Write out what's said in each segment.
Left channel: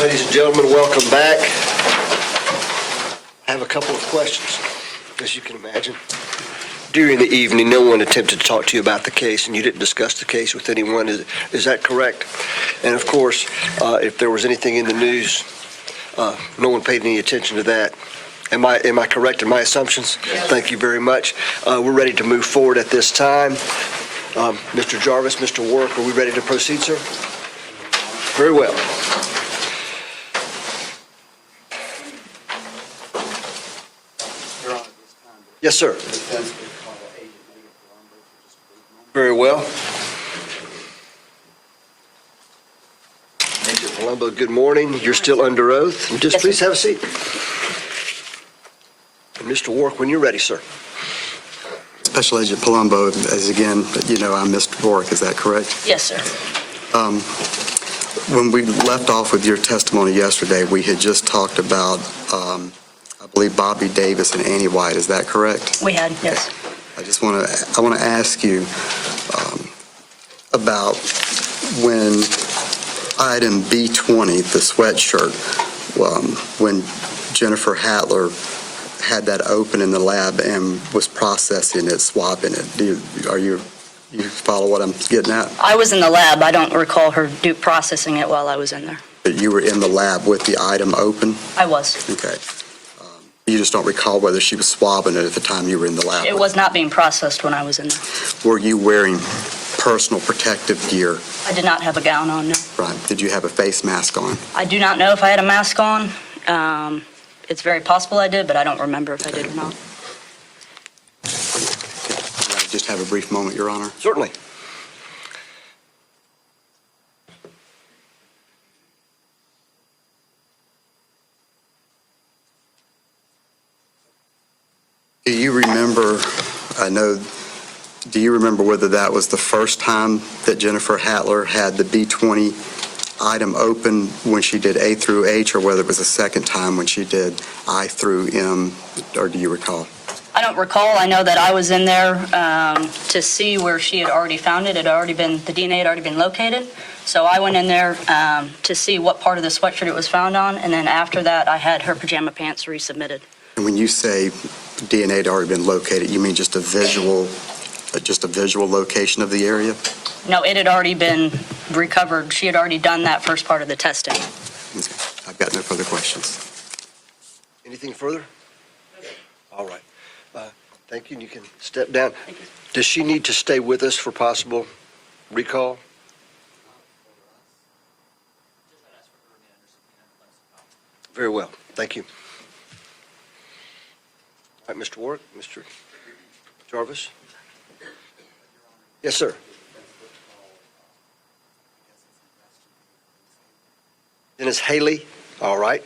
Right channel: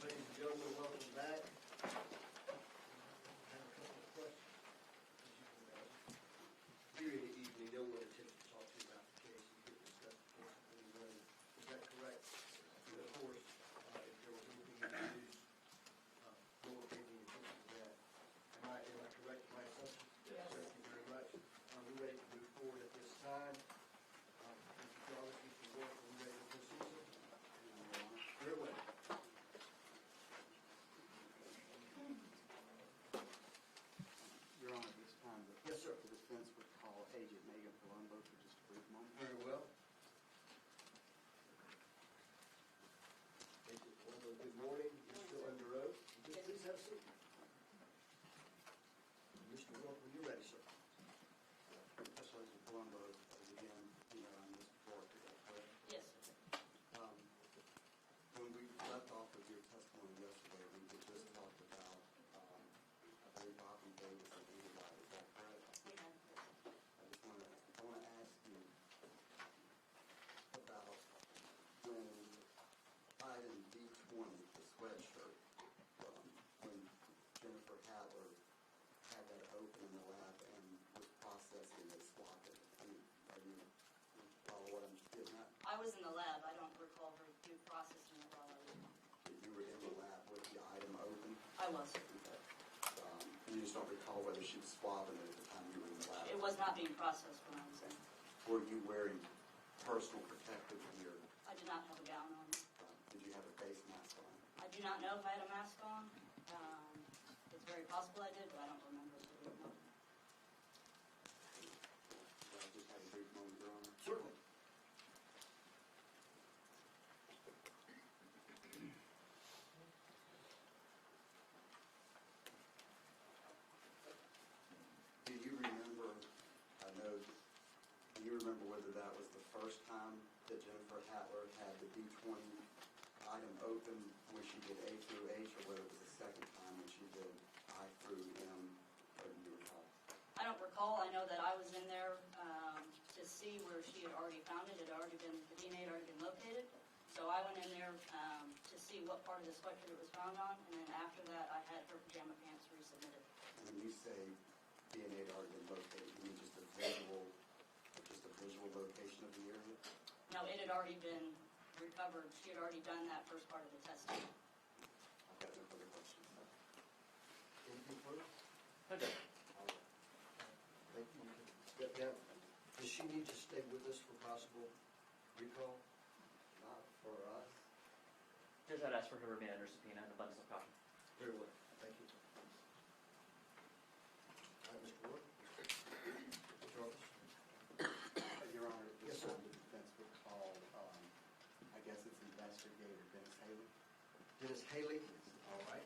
Ladies and gentlemen, welcome back. I have a couple of questions, as you can imagine. During the evening, no one attempted to talk to you about the case, and you didn't discuss the case with anyone. Is that correct? And of course, if there was anything in the news, no one paid any attention to that. Am I correct in my assumptions? Yes. Thank you very much. We're ready to move forward at this time. Mr. Jarvis, Mr. Work, are we ready to proceed, sir? Very well. Yes, sir. Very well. Agent Palumbo, good morning. You're still under oath. Just please have a seat. And Mr. Work, when you're ready, sir. Special Agent Palumbo, as again, you know, I'm Mr. Work, is that correct? Yes, sir. When we left off with your testimony yesterday, we had just talked about, I believe, Bobby Davis and Annie White, is that correct? We had, yes. I want to ask you about when item B20, the sweatshirt, when Jennifer Hattler had that open in the lab and was processing it, swapping it. You follow what I'm getting at? I was in the lab. I don't recall her processing it while I was in there. But you were in the lab with the item open? I was. Okay. You just don't recall whether she was swabbing it at the time you were in the lab? It was not being processed when I was in there. Were you wearing personal protective gear? I did not have a gown on, no. Right. Did you have a face mask on? I do not know if I had a mask on. It's very possible I did, but I don't remember if I did or not. Just have a brief moment, Your Honor. Certainly. Do you remember, do you remember whether that was the first time that Jennifer Hattler had the B20 item open when she did A through H, or whether it was the second time when she did I through M, or do you recall? I don't recall. I know that I was in there to see where she had already found it. The DNA had already been located. So I went in there to see what part of the sweatshirt it was found on, and then after that I had her pajama pants resubmitted. And when you say DNA had already been located, you mean just a visual location of the area? No, it had already been recovered. She had already done that first part of the testing. Okay. I've got no further questions. Anything further? All right. Thank you. You can step down. Thank you. Does she need to stay with us for possible recall? Very well. Thank you. All right, Mr. Warwick, Mr. Jarvis. Yes, sir. Dennis Haley. All right.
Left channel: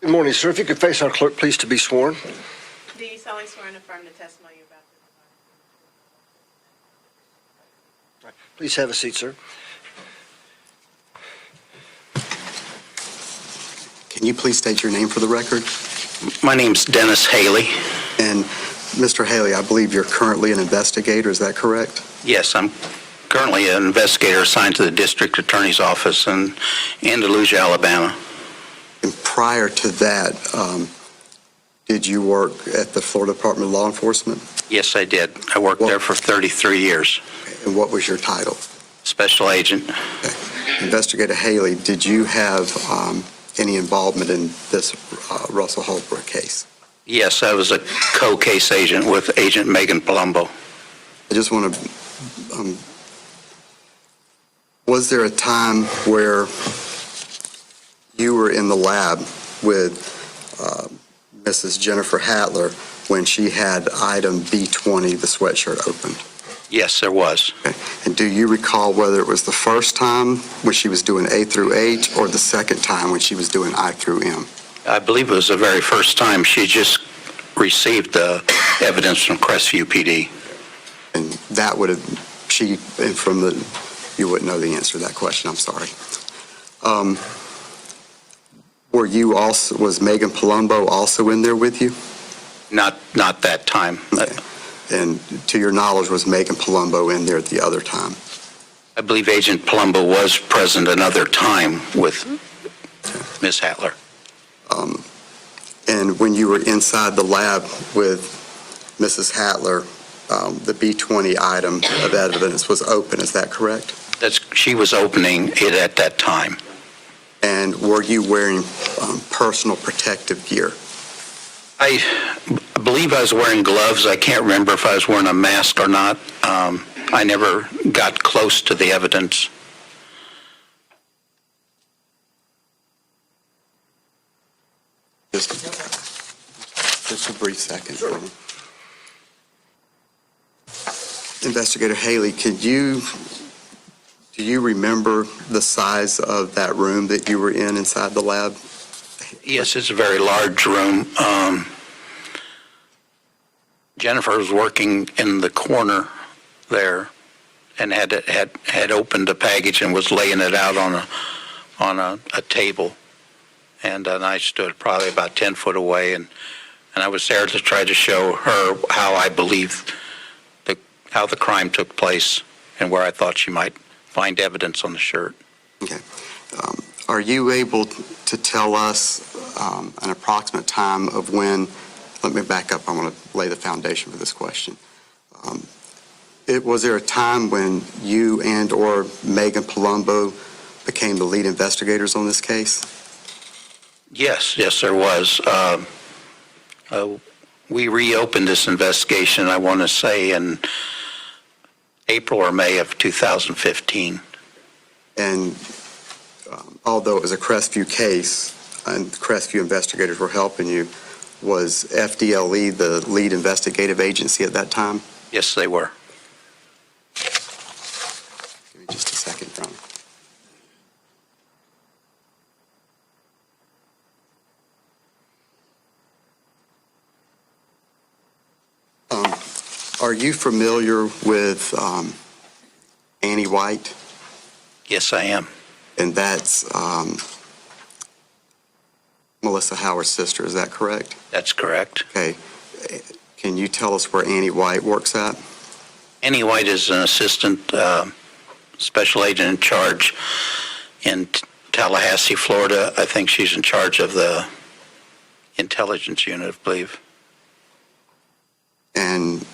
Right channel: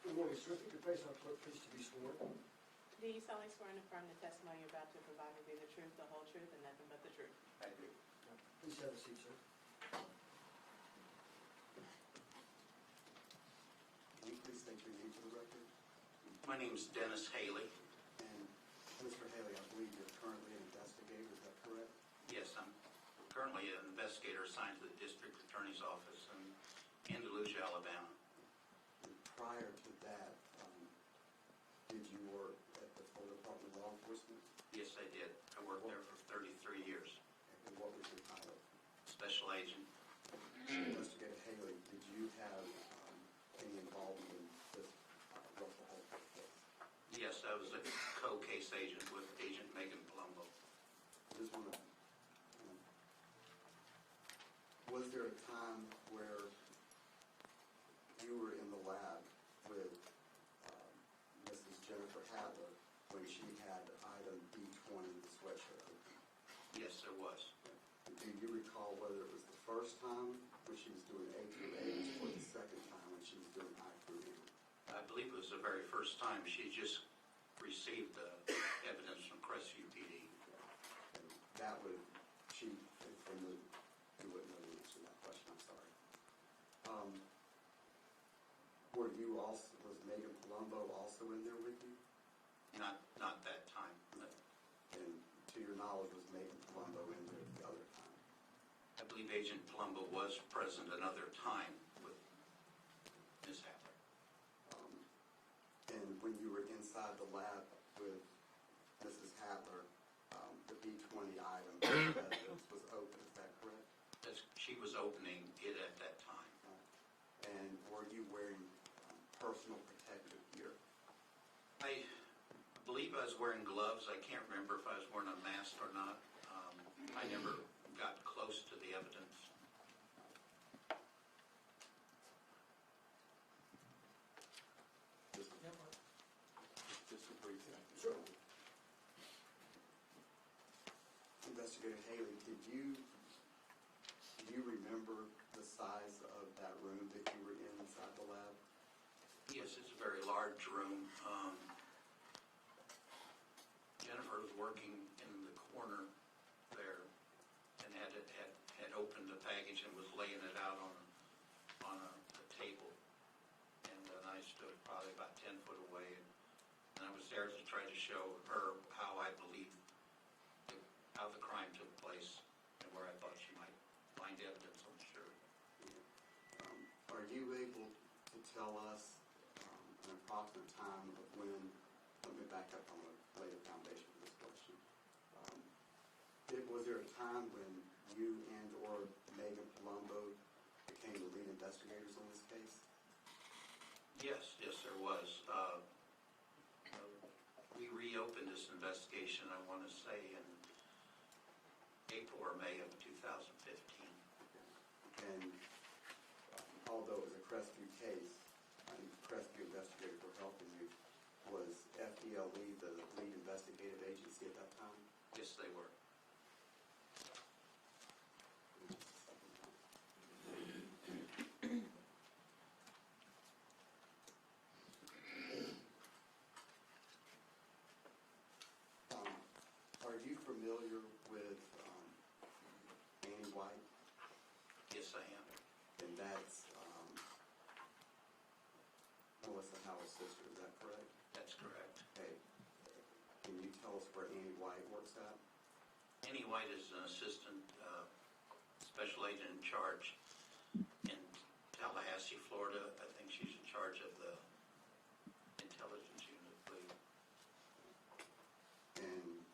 Good morning, sir. If you could face our clerk, please, to be sworn. Do you solemnly swear and affirm the testimony you're about to provide will be the truth, the whole truth, and nothing but the truth? Right. Please have a seat, sir. Can you please state your name for the record? My name's Dennis Haley. And Mr. Haley, I believe you're currently an investigator, is that correct? Yes, I'm currently an investigator assigned to the District Attorney's Office in Andalusia, Alabama. And prior to that, did you work at the Florida Department of Law Enforcement? Yes, I did. I worked there for 33 years. And what was your title? Special Agent. Okay. Investigator Haley, did you have any involvement in this Russell Holbrook case? Yes, I was a co-case agent with Agnt Meagan Palumbo. I just want to, was there a time where you were in the lab with Mrs. Jennifer Hattler when she had item B20, the sweatshirt, opened? Yes, there was. Okay. And do you recall whether it was the first time when she was doing A through H or the second time when she was doing I through M? I believe it was the very first time she just received the evidence from Crestview PD. And that would have, and from the, you wouldn't know the answer to that question, I'm sorry. Were you also, was Meagan Palumbo also in there with you? Not that time. Okay. And to your knowledge, was Meagan Palumbo in there at the other time? I believe Agent Palumbo was present another time with Ms. Hattler. And when you were inside the lab with Mrs. Hattler, the B20 item of evidence was open, is that correct? She was opening it at that time. And were you wearing personal protective gear? I believe I was wearing gloves. I can't remember if I was wearing a mask or not. I never got close to the evidence. Just a brief second. Sure. Investigator Haley, do you remember the size of that room that you were in inside the lab? Yes, it's a very large room. Jennifer was working in the corner there and had opened a package and was laying it out on a table. And I stood probably about 10 foot away, and I was there to try to show her how I believe how the crime took place and where I thought she might find evidence on the shirt. Okay. Are you able to tell us an approximate time of when, let me back up, I want to lay the foundation for this question. Was there a time when you and or Meagan Palumbo became the lead investigators on this case? Yes, there was. We reopened this investigation, I want to say, in April or May of 2015. And although it was a Crestview case and Crestview investigators were helping you, was FDLE the lead investigative agency at that time? Yes, they were. Give me just a second, Ron. Are you familiar with Annie White? Yes, I am. And that's Melissa Howard's sister, is that correct? That's correct. Okay. Can you tell us where Annie White works at? Annie White is an assistant special agent in charge in Tallahassee, Florida. I think she's in charge of the intelligence unit, I believe. And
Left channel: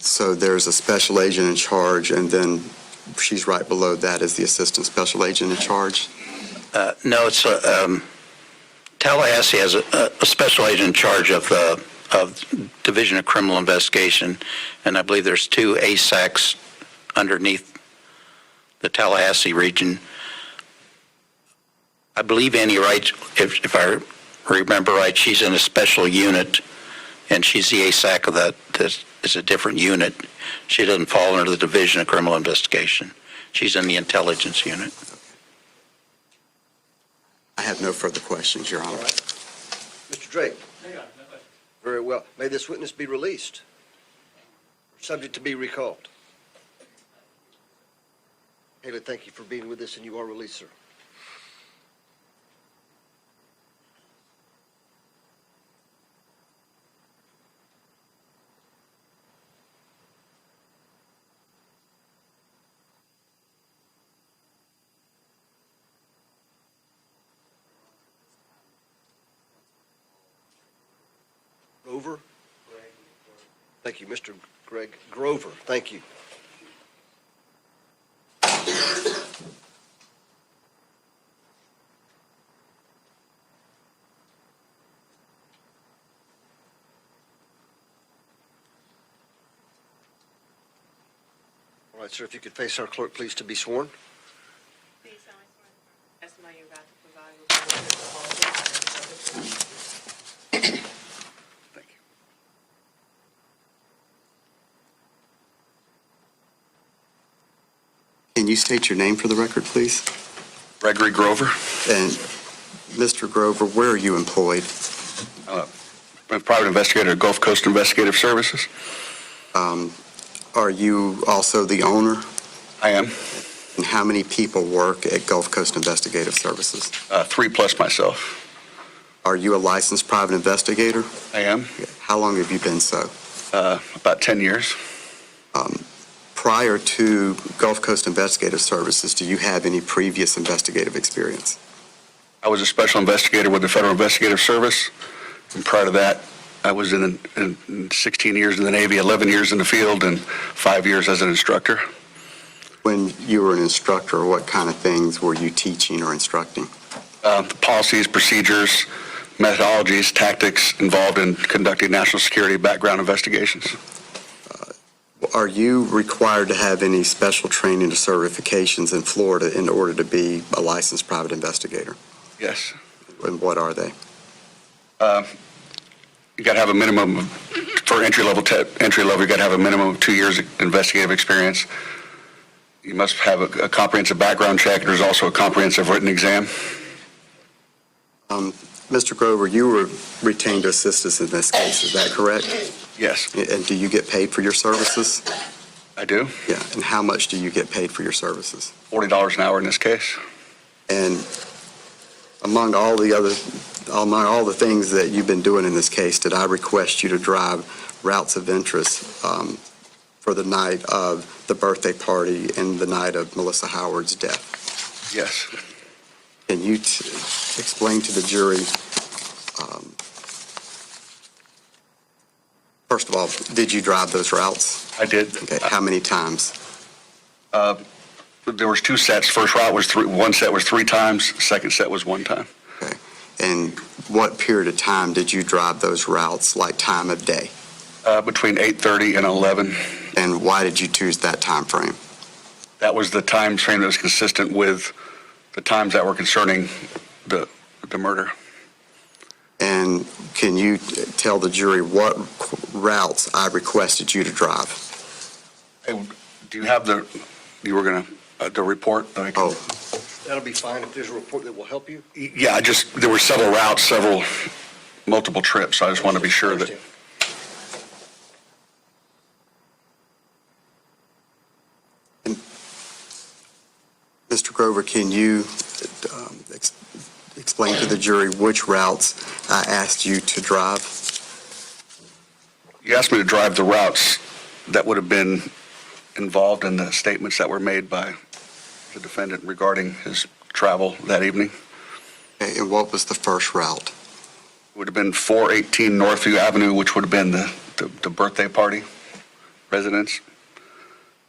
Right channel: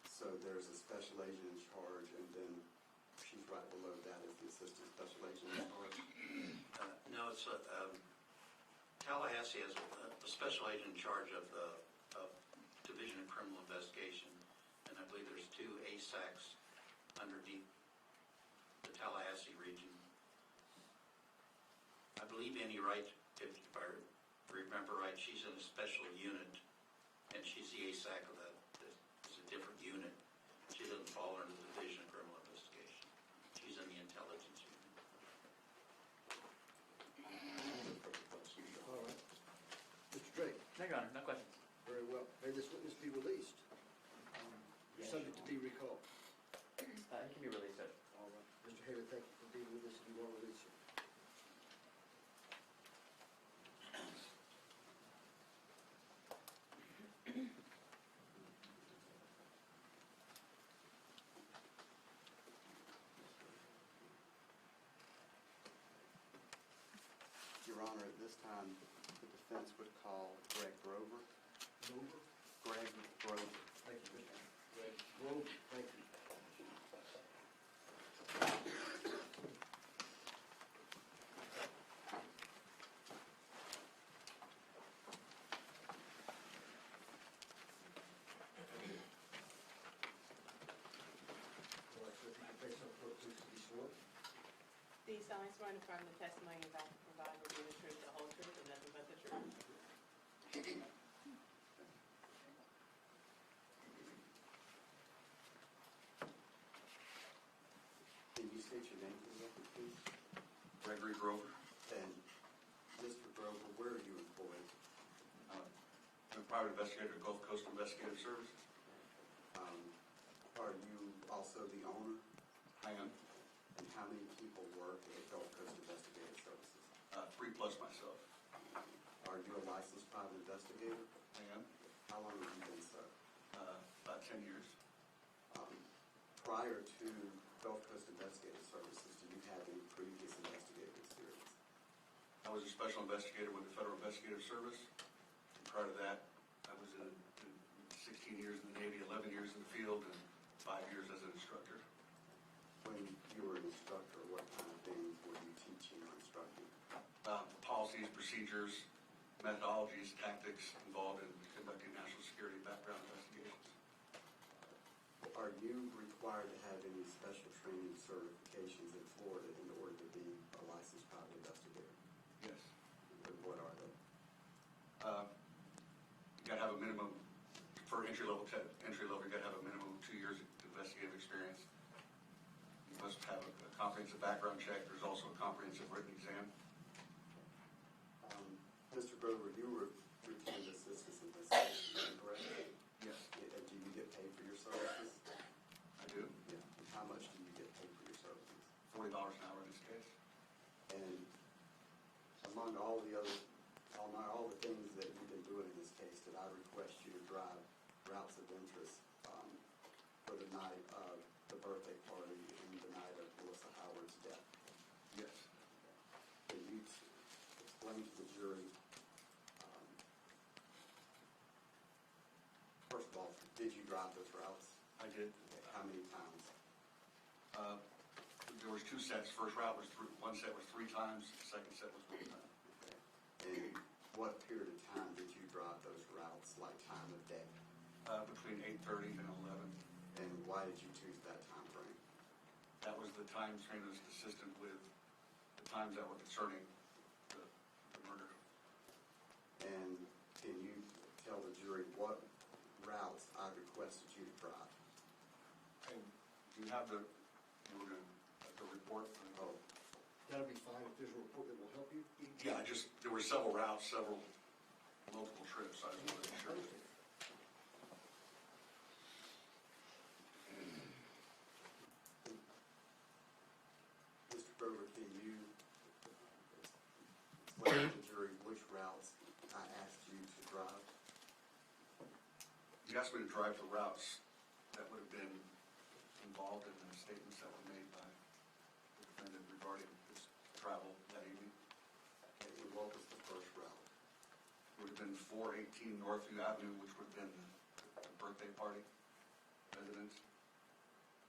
so there's a special agent in charge, and then she's right below that as the assistant special agent in charge? No, it's Tallahassee has a special agent in charge of Division of Criminal Investigation, and I believe there's 2 ASACs underneath the Tallahassee region. I believe Annie Wright, if I remember right, she's in a special unit, and she's the ASAC of that. It's a different unit. She doesn't fall under the Division of Criminal Investigation. She's in the intelligence unit. I have no further questions, Your Honor. Mr. Drake? Very well. May this witness be released? Subject to be recalled. Haley, thank you for being with us, and you are released, sir. Your Honor, at this time, the defense would call Greg Grover. Grover? Greg Grover. Thank you, Mr. Greg Grover. Thank you. All right, sir, if you could face our clerk, please, to be sworn. Do you solemnly swear to affirm the testimony you're about to provide will be the truth, the whole truth, and nothing but the truth? Thank you. Can you state your name for the record, please? Gregory Grover. And Mr. Grover, where are you employed? I'm a private investigator at Gulf Coast Investigative Services. Are you also the owner? I am. And how many people work at Gulf Coast Investigative Services? 3 plus myself. Are you a licensed private investigator? I am. How long have you been so? About 10 years. Prior to Gulf Coast Investigative Services, do you have any previous investigative experience? I was a special investigator with the Federal Investigative Service. And prior to that, I was in 16 years in the Navy, 11 years in the field, and 5 years as an instructor. When you were an instructor, what kind of things were you teaching or instructing? The policies, procedures, methodologies, tactics involved in conducting national security background investigations. Are you required to have any special training or certifications in Florida in order to be a licensed private investigator? Yes. And what are they? You got to have a minimum for entry level. You got to have a minimum of 2 years of investigative experience. You must have a comprehensive background check. There's also a comprehensive written exam. Mr. Grover, you were retained to assist us in this case, is that correct? Yes, And do you get paid for your services? I do. Yeah, and how much do you get paid for your services? $40 an hour in this case. And among all the things that you've been doing in this case, did I request you to drive routes of interest for the night of the birthday party and the night of Melissa Howard's death? Yes. Can you explain to the jury, first of all, did you drive those routes? I did. Okay, how many times? There was 2 sets. First route was one set was 3 times. Second set was 1 time. Okay, and what period of time did you drive those routes, like time of day? Between 8:30 and 11. And why did you choose that time frame? That was the time frame that was consistent with the times that were concerning the murder. And can you tell the jury what routes I requested you to drive? Hey, do you have the report? That I can, Oh, That'll be fine if there's a report that will help you. Yeah, there were several routes, multiple trips. So I just want to be sure that. Mr. Grover, can you explain to the jury which routes I asked you to drive? You asked me to drive the routes that would have been involved in the statements that were made by the defendant regarding his travel that evening. Okay, and what was the first route? It would have been 418 Northview Avenue, which would have been the birthday party residence,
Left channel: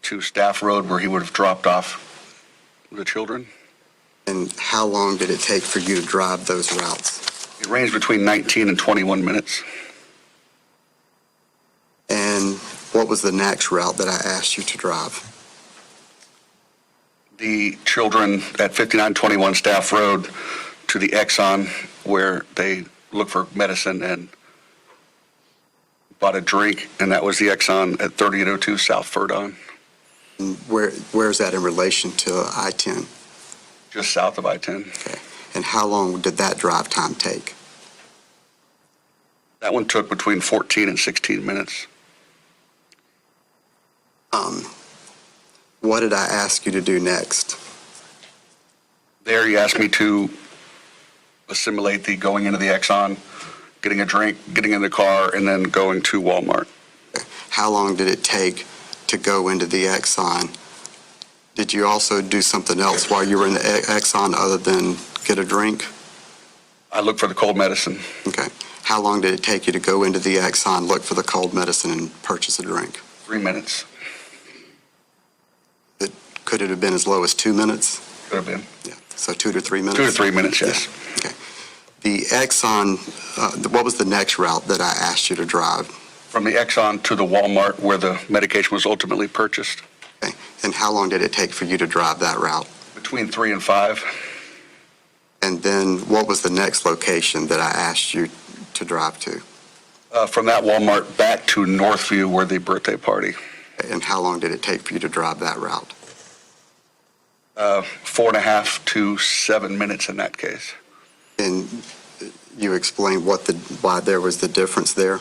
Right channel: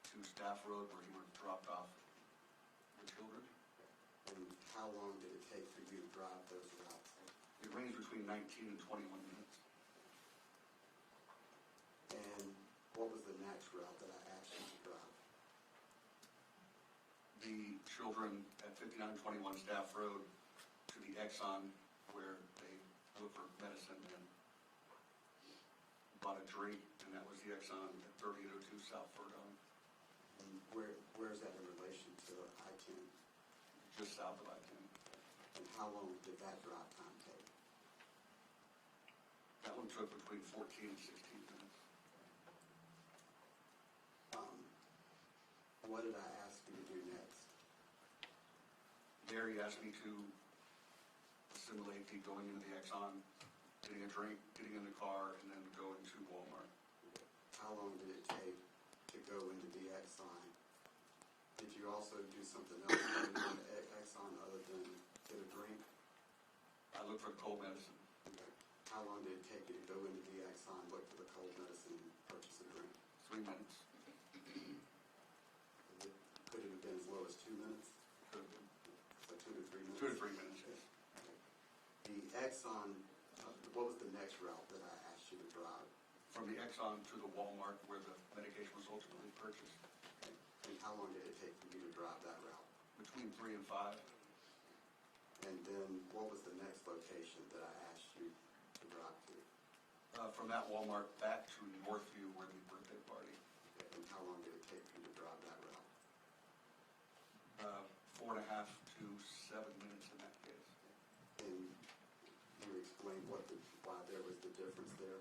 to Staff Road, where he would have dropped off the children. And how long did it take for you to drive those routes? It ranged between 19 and 21 minutes. And what was the next route that I asked you to drive? The children at 5921 Staff Road to the Exxon, where they looked for medicine and bought a drink, and that was the Exxon at 3802 South Furdon, And where's that in relation to I-10? just south of I-10. Okay. And how long did that drive time take? That one took between 14 and 16 minutes. What did I ask you to do next? There, you asked me to assimilate the going into the Exxon, getting a drink, getting in the car, and then going to Walmart. How long did it take to go into the Exxon? Did you also do something else while you were in the Exxon other than get a drink? I looked for the cold medicine. Okay. How long did it take you to go into the Exxon, look for the cold medicine, and purchase a drink? 3 minutes. Could it have been as low as 2 minutes? Could have been. Yeah. So 2 to 3 minutes? 2 to 3 minutes, yes. Okay. The Exxon, what was the next route that I asked you to drive? From the Exxon to the Walmart where the medication was ultimately purchased. Okay. And how long did it take for you to drive that route? Between 3 and 5. And then what was the next location that I asked you to drive to? From that Walmart back to Northview where the birthday party. And how long did it take for you to drive that route? 4.5 to 7 minutes in that case. And you explained why there was the difference there?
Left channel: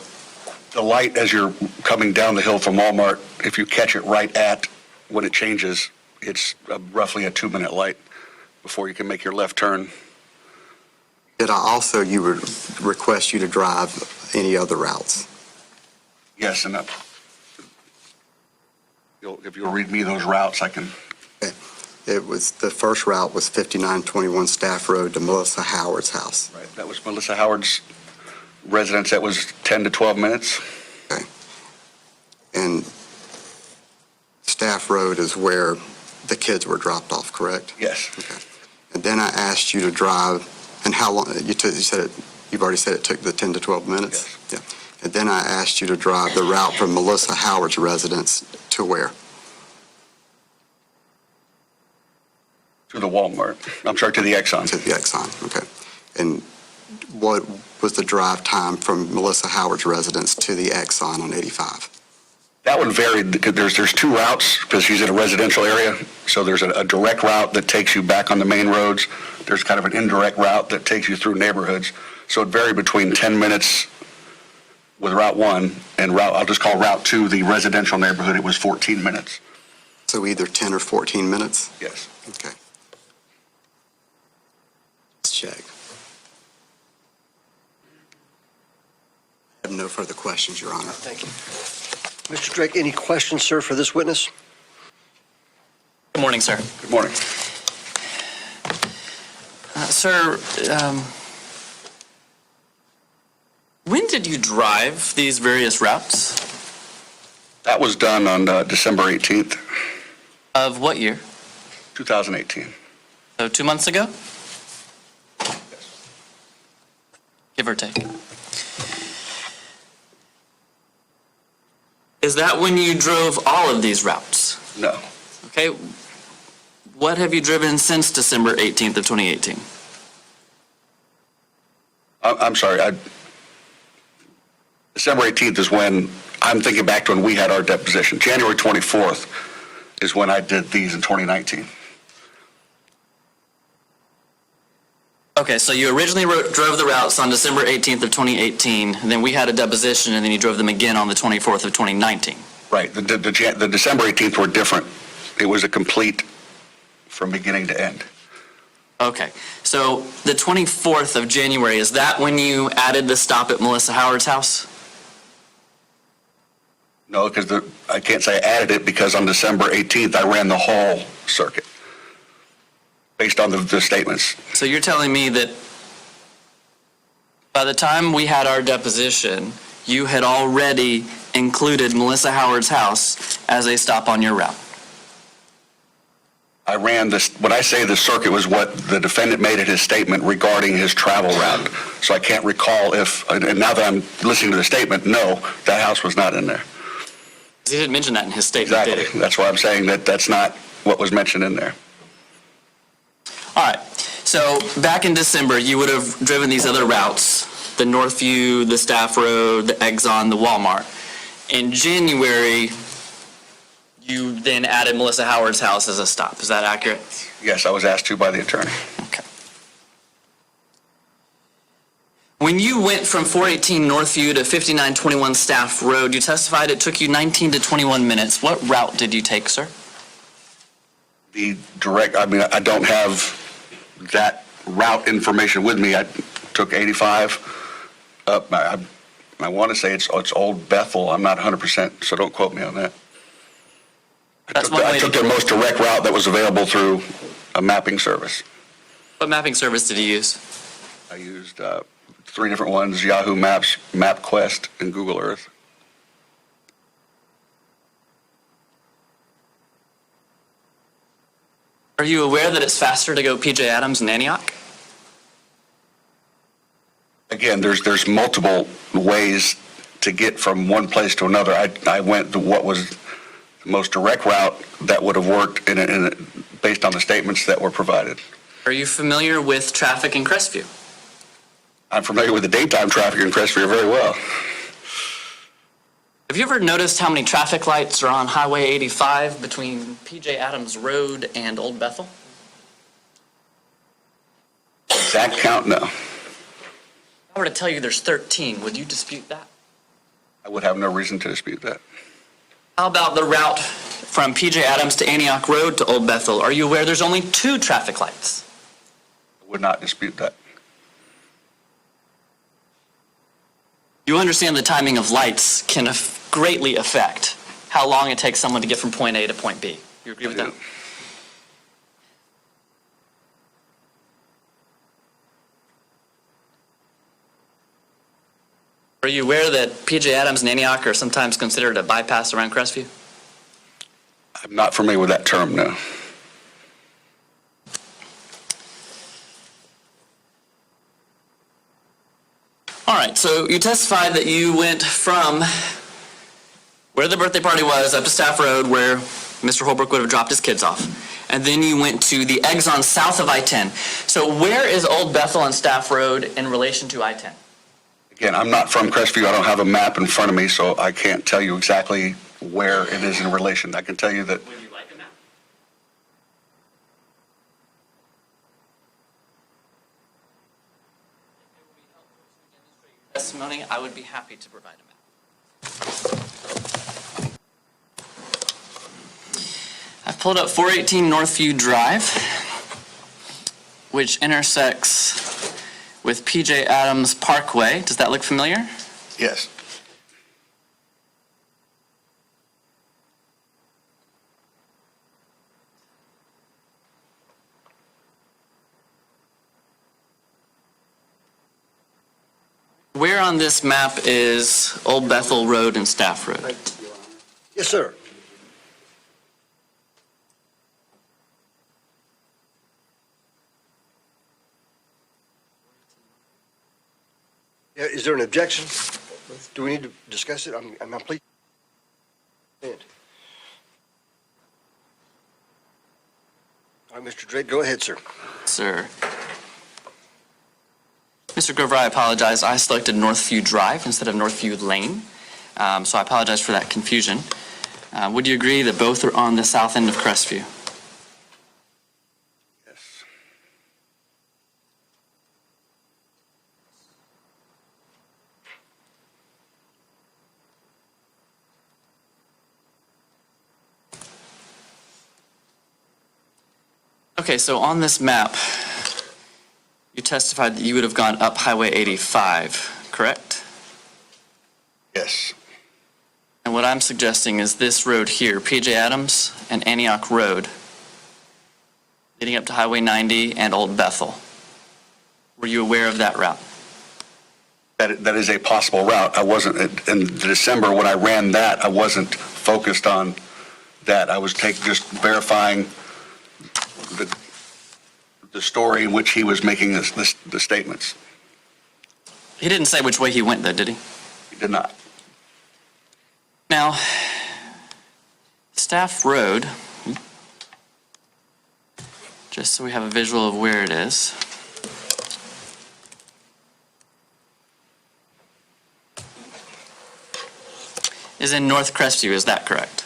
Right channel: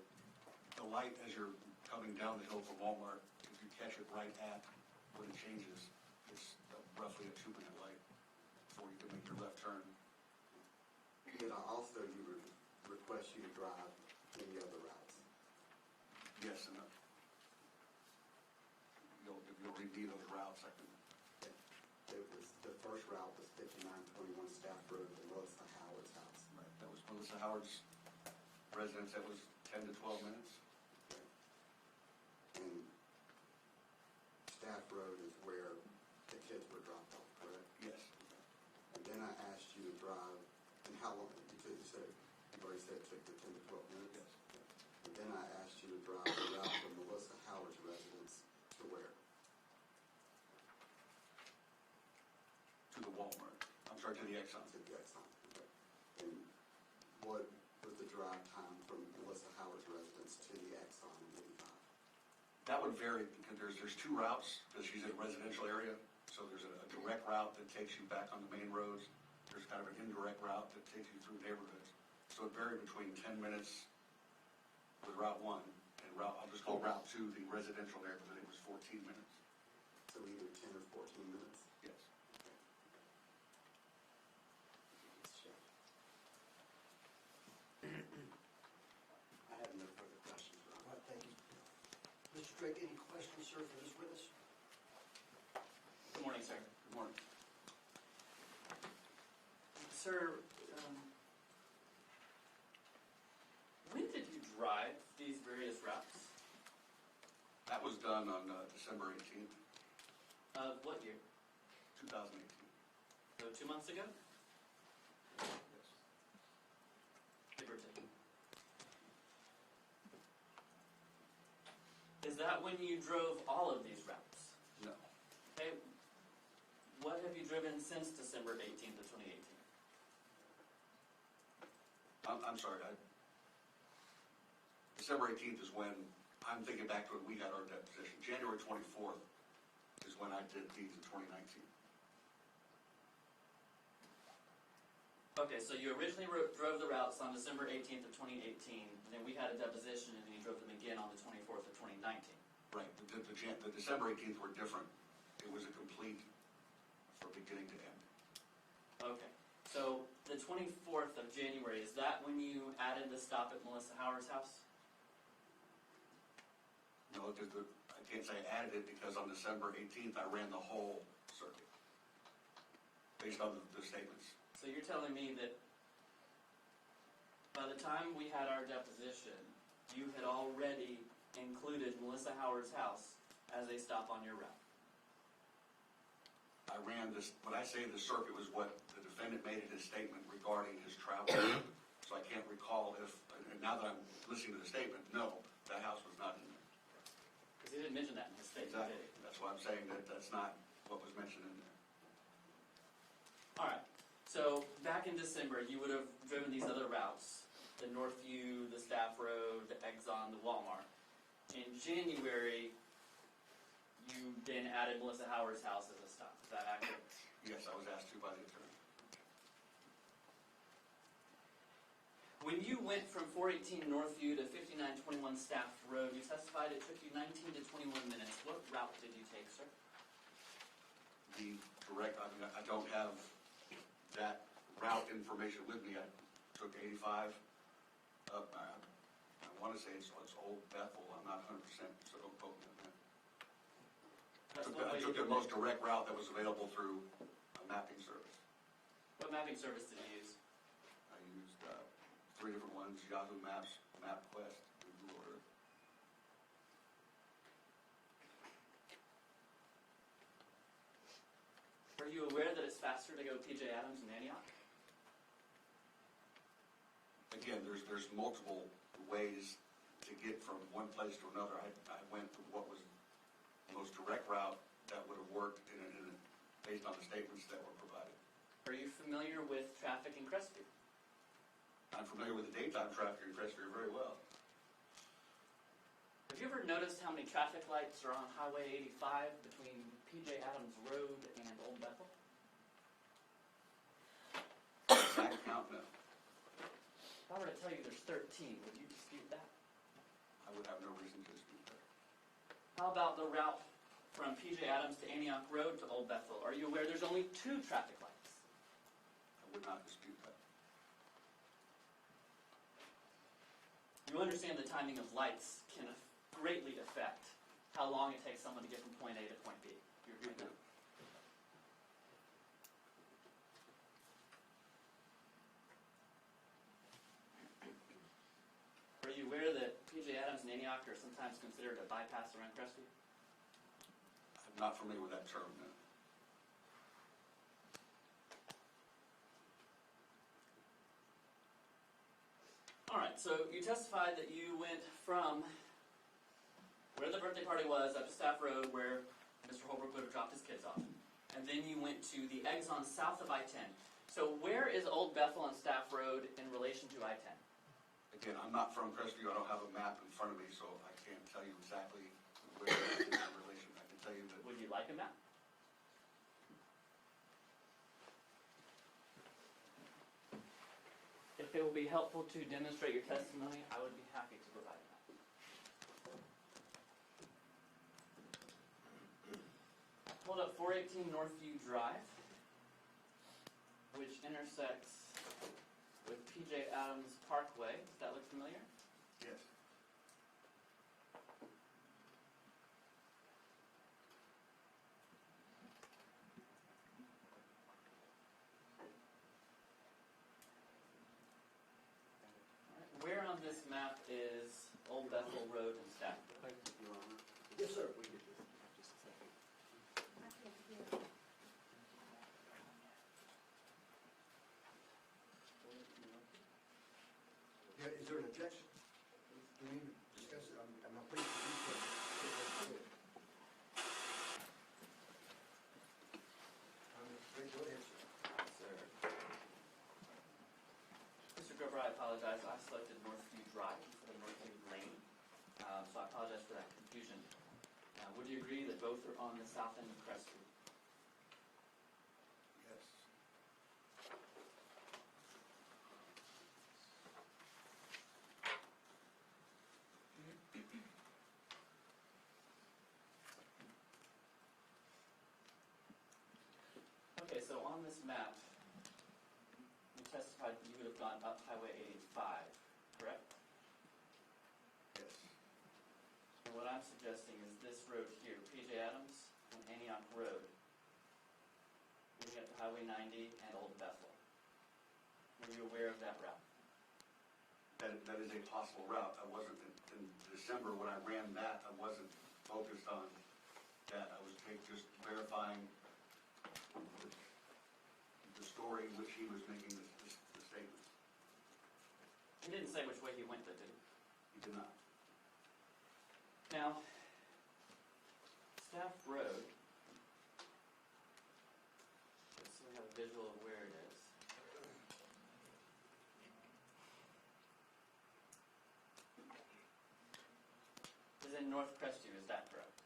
The light as you're coming down the hill from Walmart, if you catch it right at when it changes, it's roughly a 2-minute light before you can make your left turn. Did you would request you to drive any other routes? Yes, and if you'll read me those routes, I can. The first route was 5921 Staff Road to Melissa Howard's house. Right, that was Melissa Howard's residence. That was 10 to 12 minutes. Okay. And Staff Road is where the kids were dropped off, correct? Yes. Okay. And then I asked you to drive, and how long, you've already said it took the 10 to 12 minutes? Yes. Yeah. And then I asked you to drive the route from Melissa Howard's residence to where? To the Walmart. I'm sorry, to the Exxon. To the Exxon, okay. And what was the drive time from Melissa Howard's residence to the Exxon on 85? That one varied because there's two routes because she's in a residential area. So there's a direct route that takes you back on the main roads. There's kind of an indirect route that takes you through neighborhoods. So it varied between 10 minutes with Route 1 and I'll just call Route 2 the residential neighborhood. It was 14 minutes. So either 10 or 14 minutes? Yes. Okay. Let's check. I have no further questions, Your Honor. Thank you. Mr. Drake, any questions, sir, for this witness? Good morning, sir. Good morning. Sir, when did you drive these various routes? That was done on December 18th, Of what year? 2018. So 2 months ago? Give or take. Is that when you drove all of these routes? No. Okay. What have you driven since December 18th of 2018? I'm sorry. December 18th is when I'm thinking back to when we had our deposition. January 24th is when I did these in 2019. Okay, so you originally drove the routes on December 18th of 2018, and then we had a deposition, and then you drove them again on the 24th of 2019. Right. The December 18th were different. It was a complete from beginning to end. Okay, so the 24th of January, is that when you added the stop at Melissa Howard's house? No, because I can't say I added it because on December 18th, I ran the whole circuit based on the statements. So you're telling me that by the time we had our deposition, you had already included Melissa Howard's house as a stop on your route? I ran this, when I say the circuit was what the defendant made in his statement regarding his travel route. So I can't recall and now that I'm listening to the statement, no, that house was not in there. He didn't mention that in his statement, did Exactly. he? That's why I'm saying that that's not what was mentioned in there. All right, so back in December, you would have driven these other routes, the Northview, the Staff Road, the Exxon, the Walmart. In January, you then added Melissa Howard's house as a stop. Is that accurate? Yes, I was asked to by the attorney. Okay. When you went from 418 Northview to 5921 Staff Road, you testified it took you 19 to 21 minutes. What route did you take, sir? The direct, I don't have that route information with me. I took 85 up. I want to say it's Old Bethel. I'm not 100%, so don't quote me on that. I took the most direct route that was available through a mapping service. What mapping service did you use? I used 3 different ones: Yahoo Maps, MapQuest, and Google Earth. Are you aware that it's faster to go P.J. Adams and Antioch? Again, there's multiple ways to get from one place to another. I went to what was the most direct route that would have worked based on the statements that were provided. Are you familiar with traffic in Crestview? I'm familiar with the daytime traffic in Crestview very well. Have you ever noticed how many traffic lights are on Highway 85 between P.J. Adams Road and Old Bethel? exact count, no. If I were to tell you there's 13, would you dispute that? I would have no reason to dispute that. How about the route from PJ Adams to Antioch Road to Old Bethel? Are you aware there's only 2 traffic lights? I would not dispute that. You understand the timing of lights can greatly affect how long it takes someone to get from point A to point B. You agree with that? Are you aware that PJ Adams and Antioch are sometimes considered a bypass around Crestview? I'm not familiar with that term, no. All right, so you testified that you went from where the birthday party was up to Staff Road where Mr. Holbrook would have dropped his kids off. And then you went to the exon south of I-10. So where is Old Bethel and Staff Road in relation to I-10? Again, I'm not from Crestview. I don't have a map in front of me, so I can't tell you exactly where it is in relation. I can tell you that Would you like a map? If it will be helpful to demonstrate your testimony, I would be happy to provide a map. I've pulled up 418 Northview Drive, which intersects with PJ Adams Parkway. Does that look familiar? yes. Where on this map is Old Bethel Road and Staff Road? Yes, sir. Yeah, is there an objection? Do we need to discuss it? I'm complete. And- All right, Mr. Drake, go ahead, sir. Sir. Mr. Grover, I apologize. I selected Northview Drive instead of Northview Lane, so I apologize for that confusion. Would you agree that both are on the south end of Crestview? Yes. Okay, so on this map, you testified that you would have gone up Highway 85, correct? Yes. And what I'm suggesting is this road here, PJ Adams and Antioch Road, leading up to Highway 90 and Old Bethel. Were you aware of that route? That is a possible route. I wasn't, in December when I ran that, I wasn't focused on that. I was just verifying the story in which he was making the statements. He didn't say which way he went, though, did he? He did not. Now, Staff Road, just so we have a visual of where it is. Is in North Crestview, is that correct?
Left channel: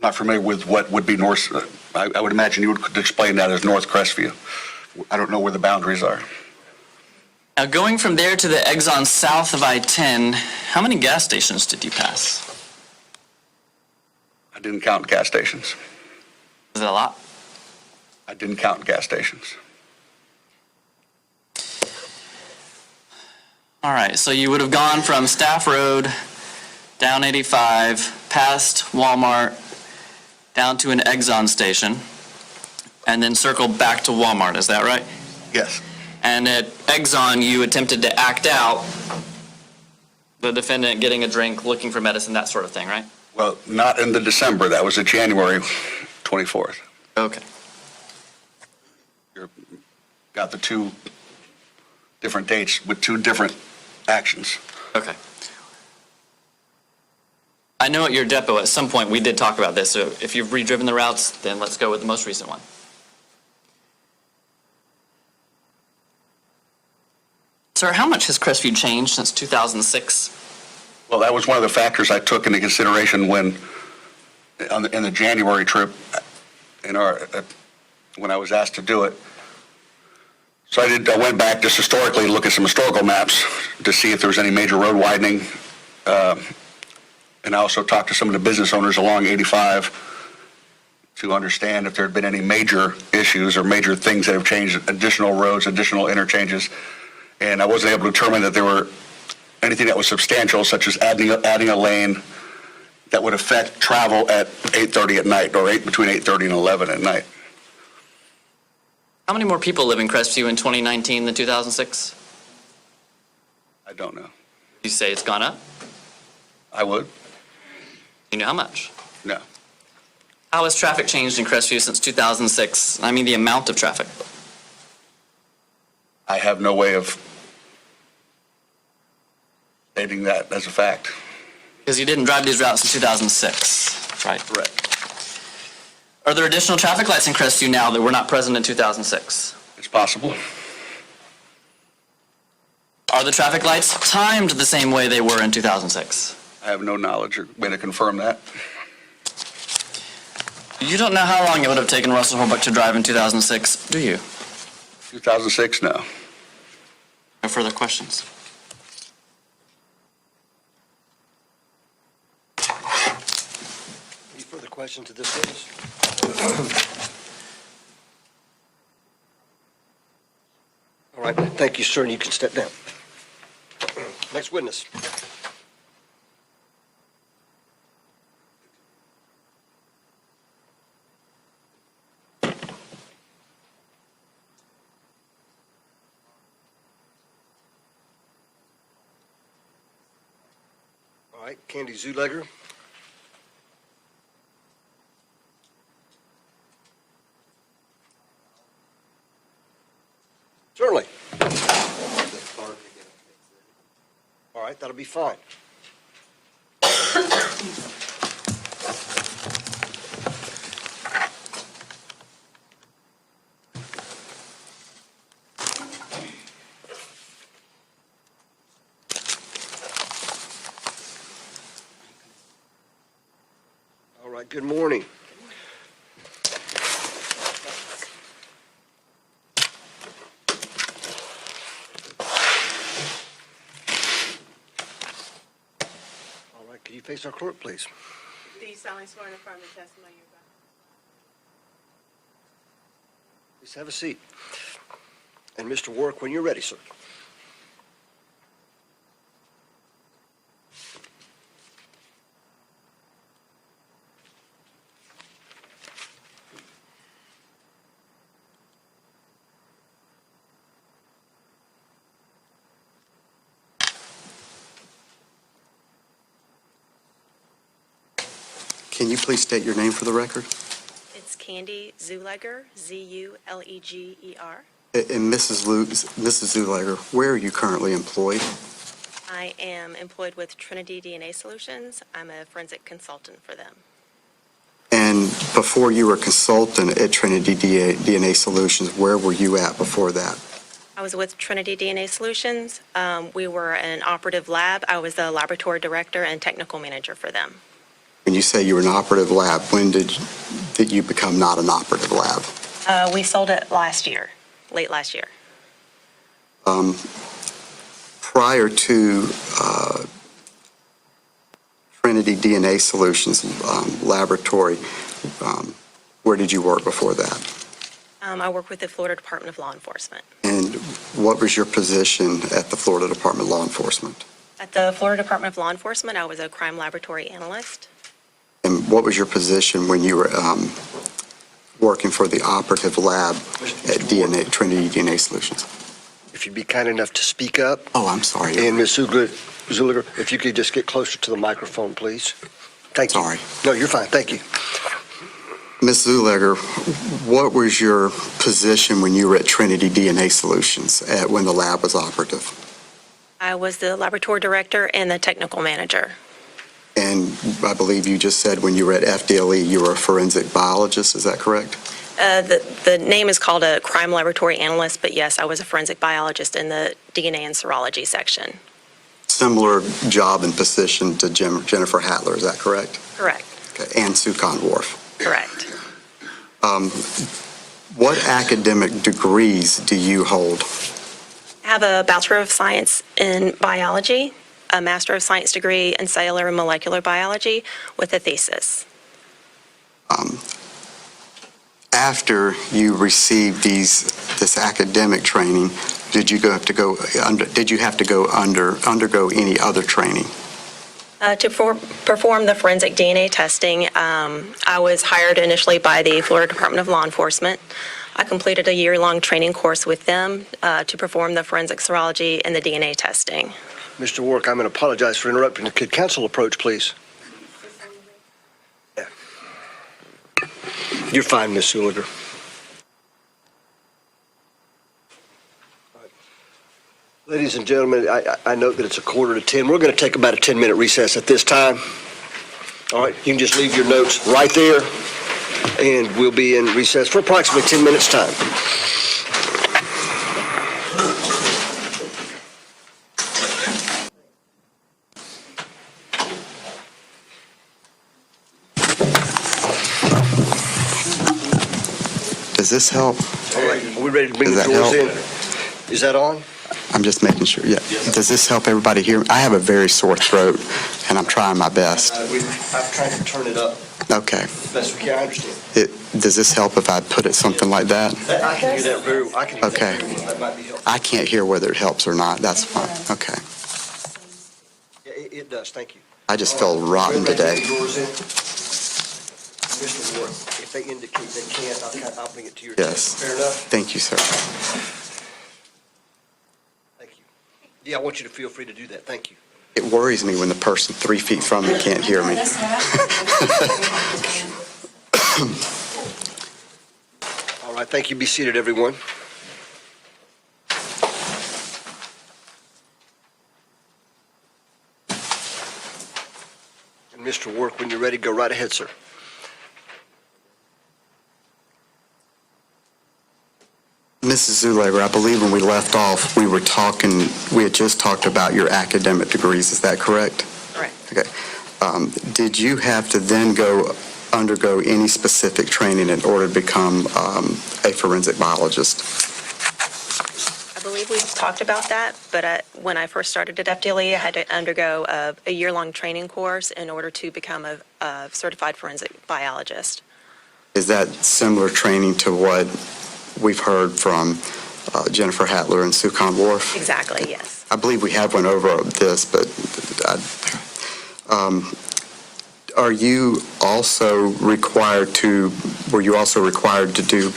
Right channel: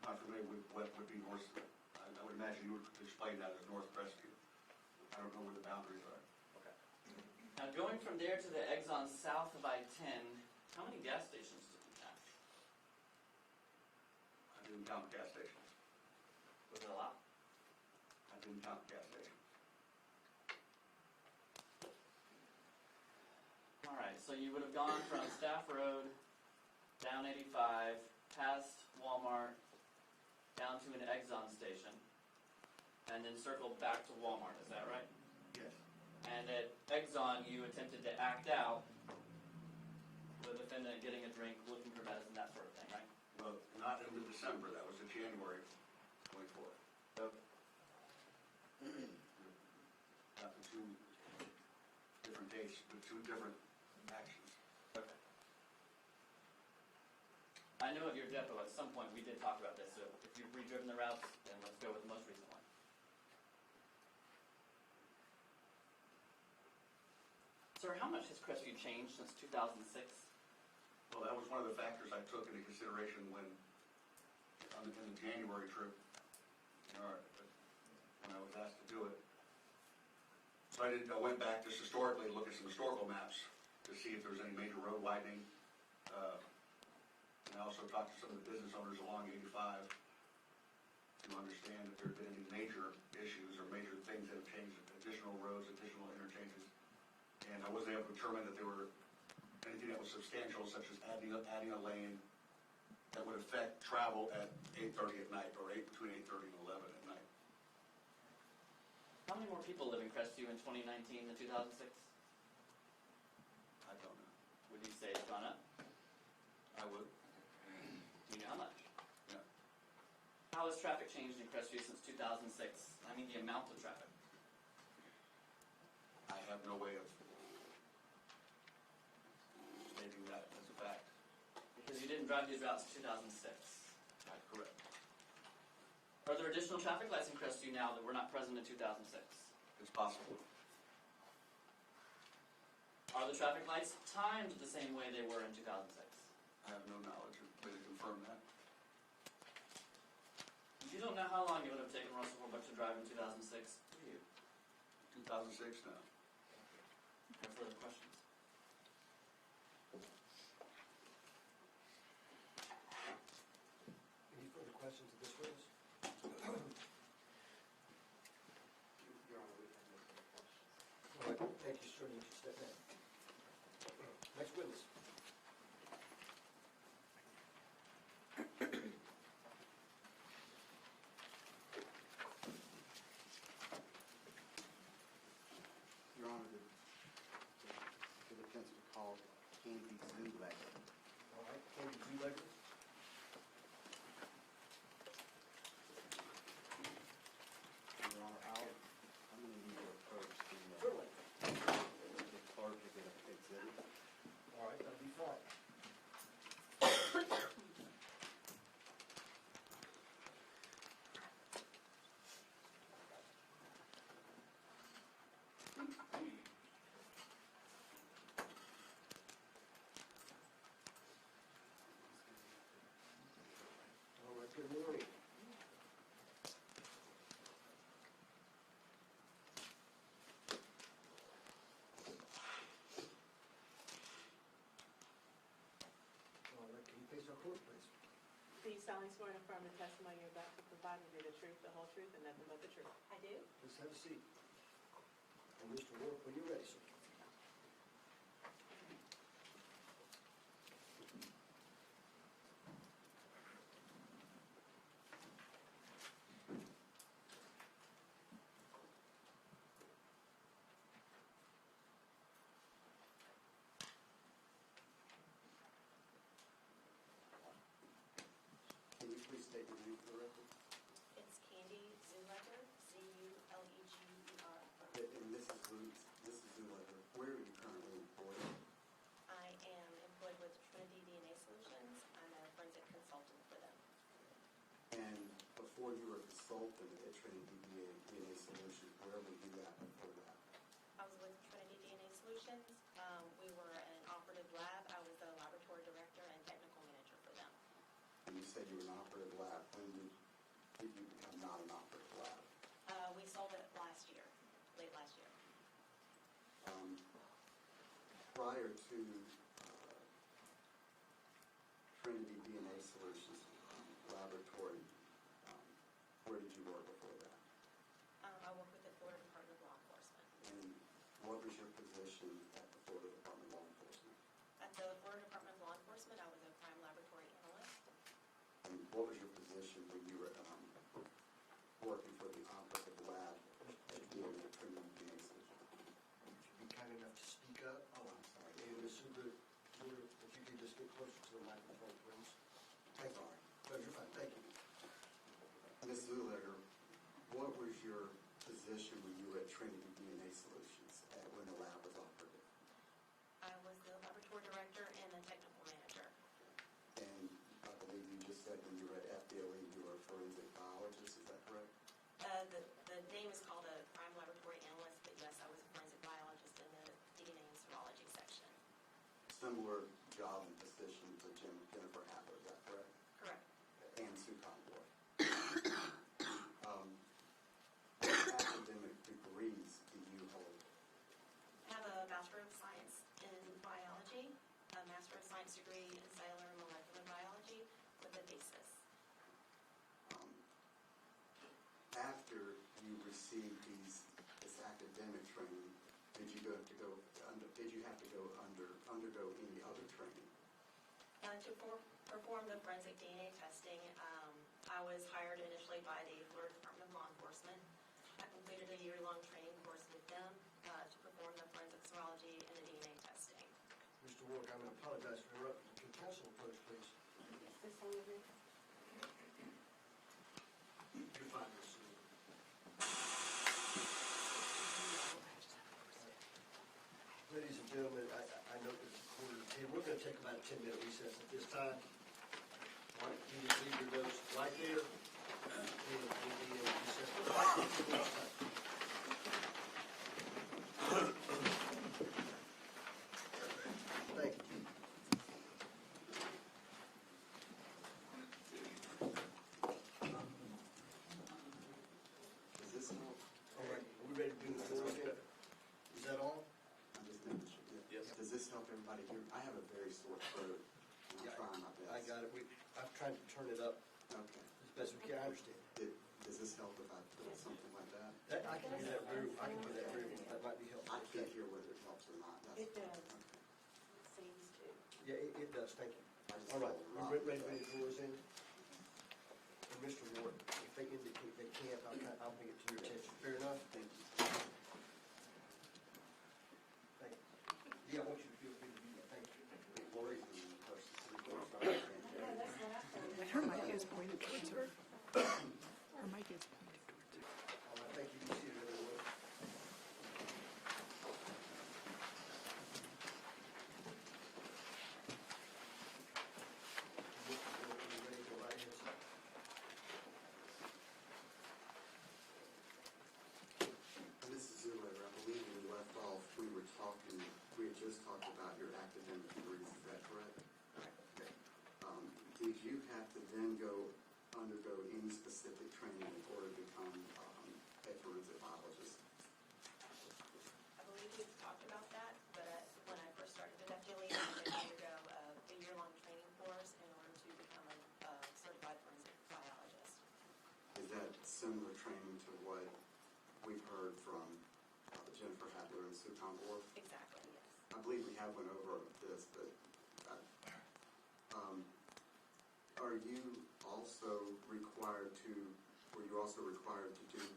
Not familiar with what would be north. I would imagine you would explain that as North Crestview. I don't know where the boundaries are. Now, going from there to the exon south of I-10, how many gas stations did you pass? I didn't count gas stations. Is it a lot? I didn't count gas stations. All right, so you would have gone from Staff Road, down 85, past Walmart, down to an Exxon station, and then circled back to Walmart, is that right? Yes. And at Exxon, you attempted to act out the defendant getting a drink, looking for medicine, that sort of thing, right? Well, not in the December. That was a January 24th. Okay. You got the two different dates with two different actions. Okay. I know at your depot, at some point, we did talk about this, so if you've redriven the routes, then let's go with the most recent one. Sir, how much has Crestview changed since 2006? Well, that was one of the factors I took into consideration when, in the January trip, in our when I was asked to do it. So I went back just historically to look at some historical maps to see if there was any major road widening. And I also talked to some of the business owners along 85 to understand if there had been any major issues or major things that have changed, additional roads, additional interchanges. And I wasn't able to determine that there were anything that was substantial, such as adding a lane that would affect travel at 8:30 at night or between 8:30 and 11 at night. How many more people live in Crestview in 2019 than 2006? I don't know. You say it's gone up? I would? You know how much? No. How has traffic changed in Crestview since 2006? I mean the amount of traffic. I have no way of stating that as a fact. Because you didn't drive these routes in 2006, right? Correct. Are there additional traffic lights in Crestview now that were not present in 2006? It's possible. Are the traffic lights timed the same way they were in 2006? I have no knowledge or way to confirm that. You don't know how long it would have taken Russell Holbrook to drive in 2006, do you? 2006, no. No further questions? Any further questions to this witness? All right, thank you, sir, and you can step down. Next witness. All right, Candy Zulegger. Certainly. All right, that'll be fine. All right, good morning. Can you face our clerk, please? Do you solemnly swear and affirm the testimony you're about to provide will be the truth, the whole truth, and nothing but the truth? I do. Please have a seat. And Mr. Warwick, when you're ready, sir. Can you please state your name for the record? It's Candy Zulegger, Z-U-L-E-G-E-R. And Mrs. Zulegger, where are you currently employed? I am employed with Trinity DNA Solutions. I'm a forensic consultant for them. And before you were a consultant at Trinity DNA Solutions, where were you at before that? I was with Trinity DNA Solutions. We were an operative lab. I was the laboratory director and technical manager for them. When you say you were an operative lab, when did you become not an operative lab? We sold it last year, late last year. Prior to Trinity DNA Solutions laboratory, where did you work before that? I work with the Florida Department of Law Enforcement. And what was your position at the Florida Department of Law Enforcement? At the Florida Department of Law Enforcement, I was a crime laboratory analyst. And what was your position when you were working for the operative lab at Trinity DNA Solutions? If you'd be kind enough to speak up. Oh, I'm sorry. And Ms. Zuliger, if you could just get closer to the microphone, please. Thank you. Sorry. No, you're fine. Thank you. Ms. Zulegger, what was your position when you were at Trinity DNA Solutions when the lab was operative? I was the laboratory director and the technical manager. And I believe you just said when you were at FDLE, you were a forensic biologist. Is that correct? The name is called a crime laboratory analyst, but yes, I was a forensic biologist in the DNA and serology section. Similar job and position to Jennifer Hattler, is that correct? Correct. Okay. And Sukon Wharf. Correct. What academic degrees do you hold? I have a Bachelor of Science in Biology, a Master of Science degree in Cellular and Molecular Biology with a thesis. After you received this academic training, did you have to go undergo any other training? To perform the forensic DNA testing, I was hired initially by the Florida Department of Law Enforcement. I completed a year-long training course with them to perform the forensic serology and the DNA testing. Mr. Warwick, I'm going to apologize for interrupting. Could counsel approach, please? Yeah. You're fine, Ms. Suliger. Ladies and gentlemen, I note that it's 9:45. We're going to take about a 10-minute recess at this time. All right, you can just leave your notes right there, and we'll be in recess for approximately 10 minutes' time. Does this help? All right, are we ready to bring Does the that doors help? in? Is that on? I'm just making sure. Yeah. Does this help everybody hear? I have a very sore throat, and I'm trying my best. I've tried to turn it up Okay. as best we can. I understand. Does this help if I put it something like that? I can hear that very well. Okay. That might be helpful. I can't hear whether it helps or not. That's fine. Okay. Yeah, it does. Thank you. I just feel rotten We're ready to today. bring the doors in. Mr. Ward, if they indicate they can't, I'll bring it to your Yes. attention. Fair enough? Thank you, sir. Thank you. Yeah, I want you to feel free to do that. Thank you. It worries me when the person 3 feet from me can't hear me. All right, thank you. Be seated, everyone. And Mr. Work, when you're ready, go right ahead, sir. Mrs. Zuleger, I believe when we left off, we had just talked about your academic degrees. Is that correct? Correct. Okay. Did you have to then undergo any specific training in order to become a forensic biologist? I believe we talked about that, but when I first started at FDLE, I had to undergo a year-long training course in order to become a certified forensic biologist. Is that similar training to what we've heard from Jennifer Hattler and Sukan Wharf? Exactly, yes. I believe we have went over this, but were you also required to do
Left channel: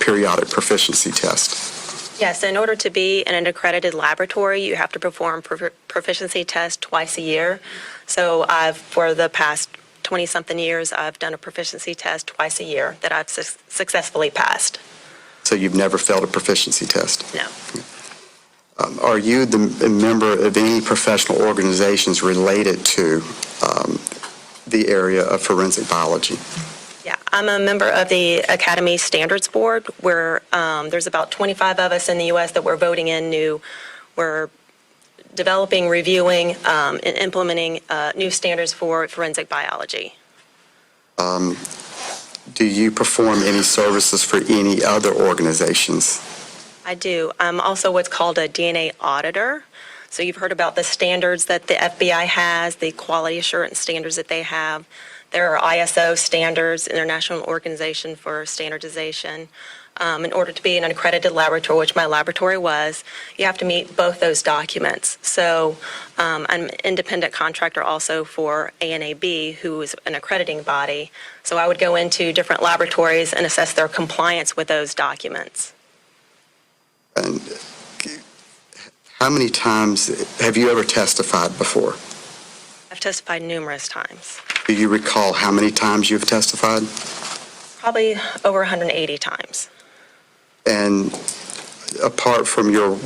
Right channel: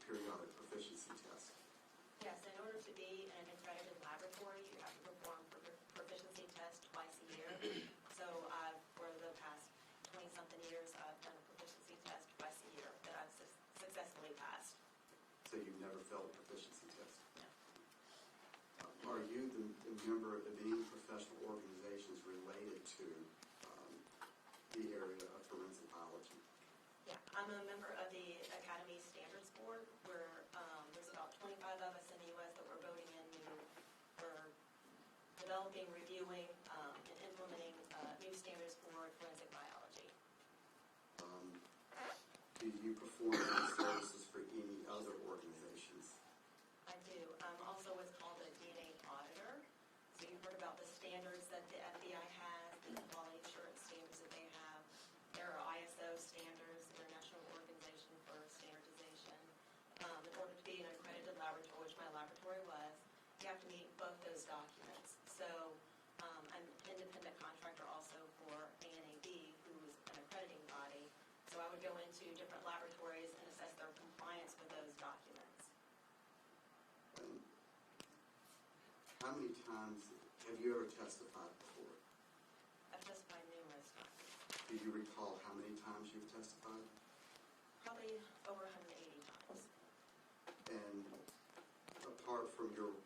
periodic proficiency tests? Yes, in order to be in an accredited laboratory, you have to perform proficiency tests twice a year. So for the past 20-something years, I've done a proficiency test twice a year that I've successfully passed. So you've never failed a proficiency test? No. Are you a member of any professional organizations related to the area of forensic biology? Yeah, I'm a member of the Academy Standards Board, where there's about 25 of us in the U.S. that we're voting in we're developing, reviewing, and implementing new standards for forensic biology. Do you perform any services for any other organizations? I do. I'm also what's called a DNA auditor. So you've heard about the standards that the FBI has, the quality assurance standards that they have. There are ISO standards, International Organization for Standardization. In order to be an accredited laboratory, which my laboratory was, you have to meet both those documents. So I'm an independent contractor also for ANAB, who is an accrediting body. So I would go into different laboratories and assess their compliance with those documents. And how many times have you ever testified before? I've testified numerous times, Do you recall how many times you've testified? probably over 180 times. And apart from your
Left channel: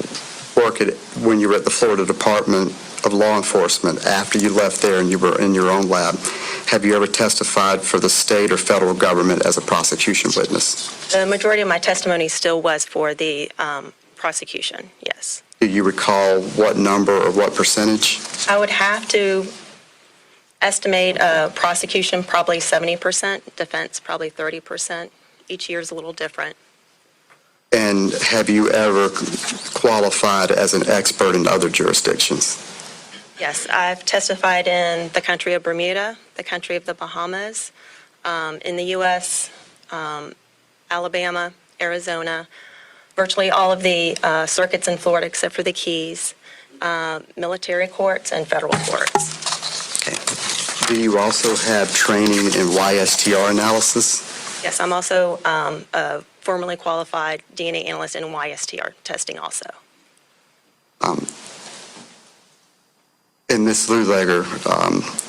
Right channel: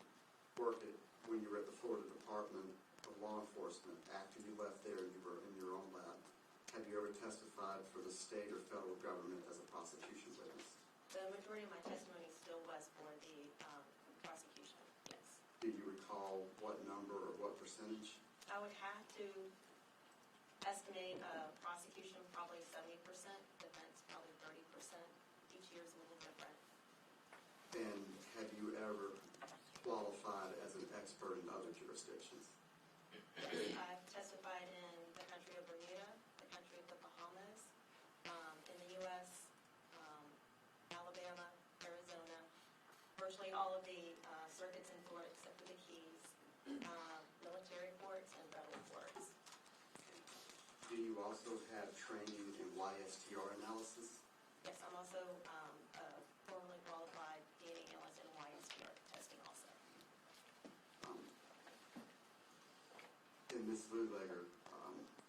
work when you were at the Florida Department of Law Enforcement, after you left there and you were in your own lab, have you ever testified for the state or federal government as a prosecution witness? The majority of my testimony still was for the prosecution, yes. Do you recall what number or what percentage? I would have to estimate prosecution probably 70%, defense probably 30%. Each year is a little different. And have you ever qualified as an expert in other jurisdictions? Yes, I've testified in the country of Bermuda, the country of the Bahamas, in the U.S., Alabama, Arizona, virtually all of the circuits in Florida except for the Keys, military courts, and federal courts. Okay. Do you also have training in YSTR analysis? Yes, I'm also a formally qualified DNA analyst in YSTR testing also. And Ms. Luleger,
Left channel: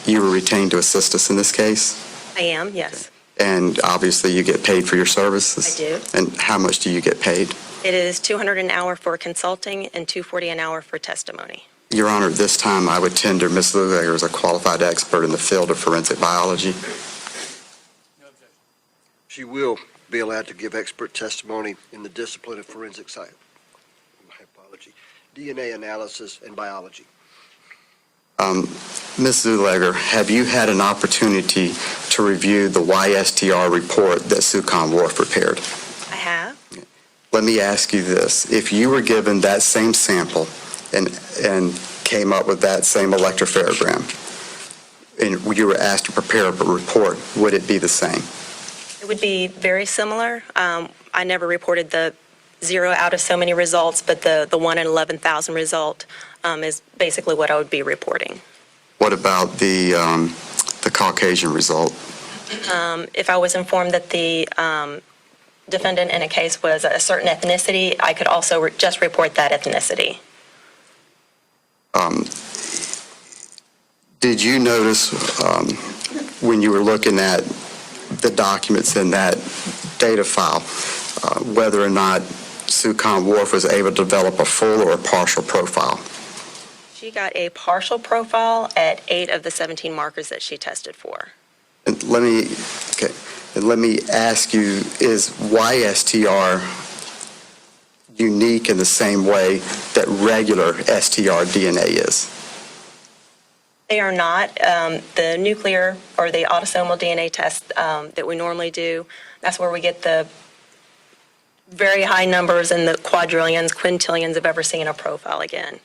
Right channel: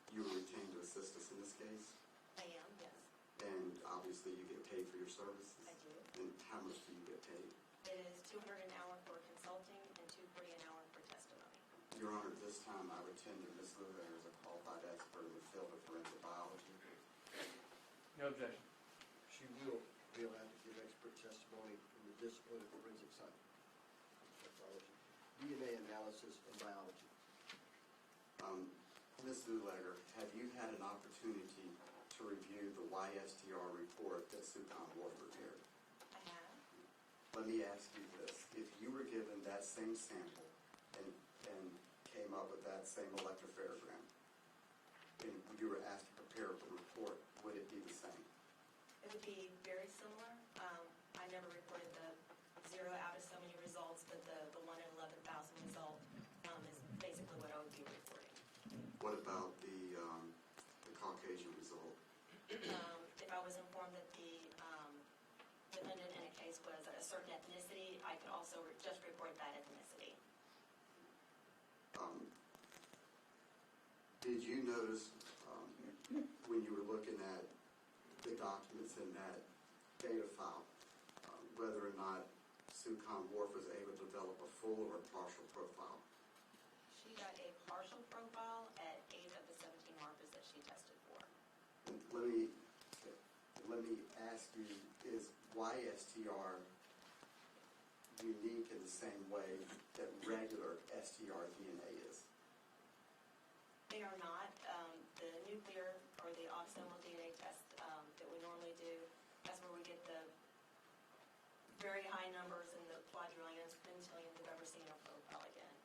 you were retained to assist us in this case? I am, yes. And obviously you get paid for your services? I do. And how much do you get paid? It is $200 an hour for consulting and $240 an hour for testimony. Your Honor, this time I would tender Ms. Luleger as a qualified expert in the field of forensic biology. She will be allowed to give expert testimony in the discipline of forensic science, my apology, DNA analysis and biology. Ms. Luleger, have you had an opportunity to review the YSTR report that Sucon Wharf prepared? I have. Let me ask you this. If you were given that same sample and came up with that same electropharogram, and you were asked to prepare a report, would it be the same? It would be very similar. I never reported the 0 out of so many results, but the 1 in 11,000 result is basically what I would be reporting. What about the Caucasian result? If I was informed that the defendant in a case was a certain ethnicity, I could also just report that ethnicity. Did you notice when you were looking at the documents in that data file whether or not Sucon Wharf was able to develop a full or a partial profile? She got a partial profile at 8 of the 17 markers that she tested for. And let me ask you, is YSTR unique in the same way that regular STR DNA is? They are not. The nuclear or the autosomal DNA test that we normally do, that's where we get the very high numbers in the quadrillions, quintillions of ever seeing a profile again.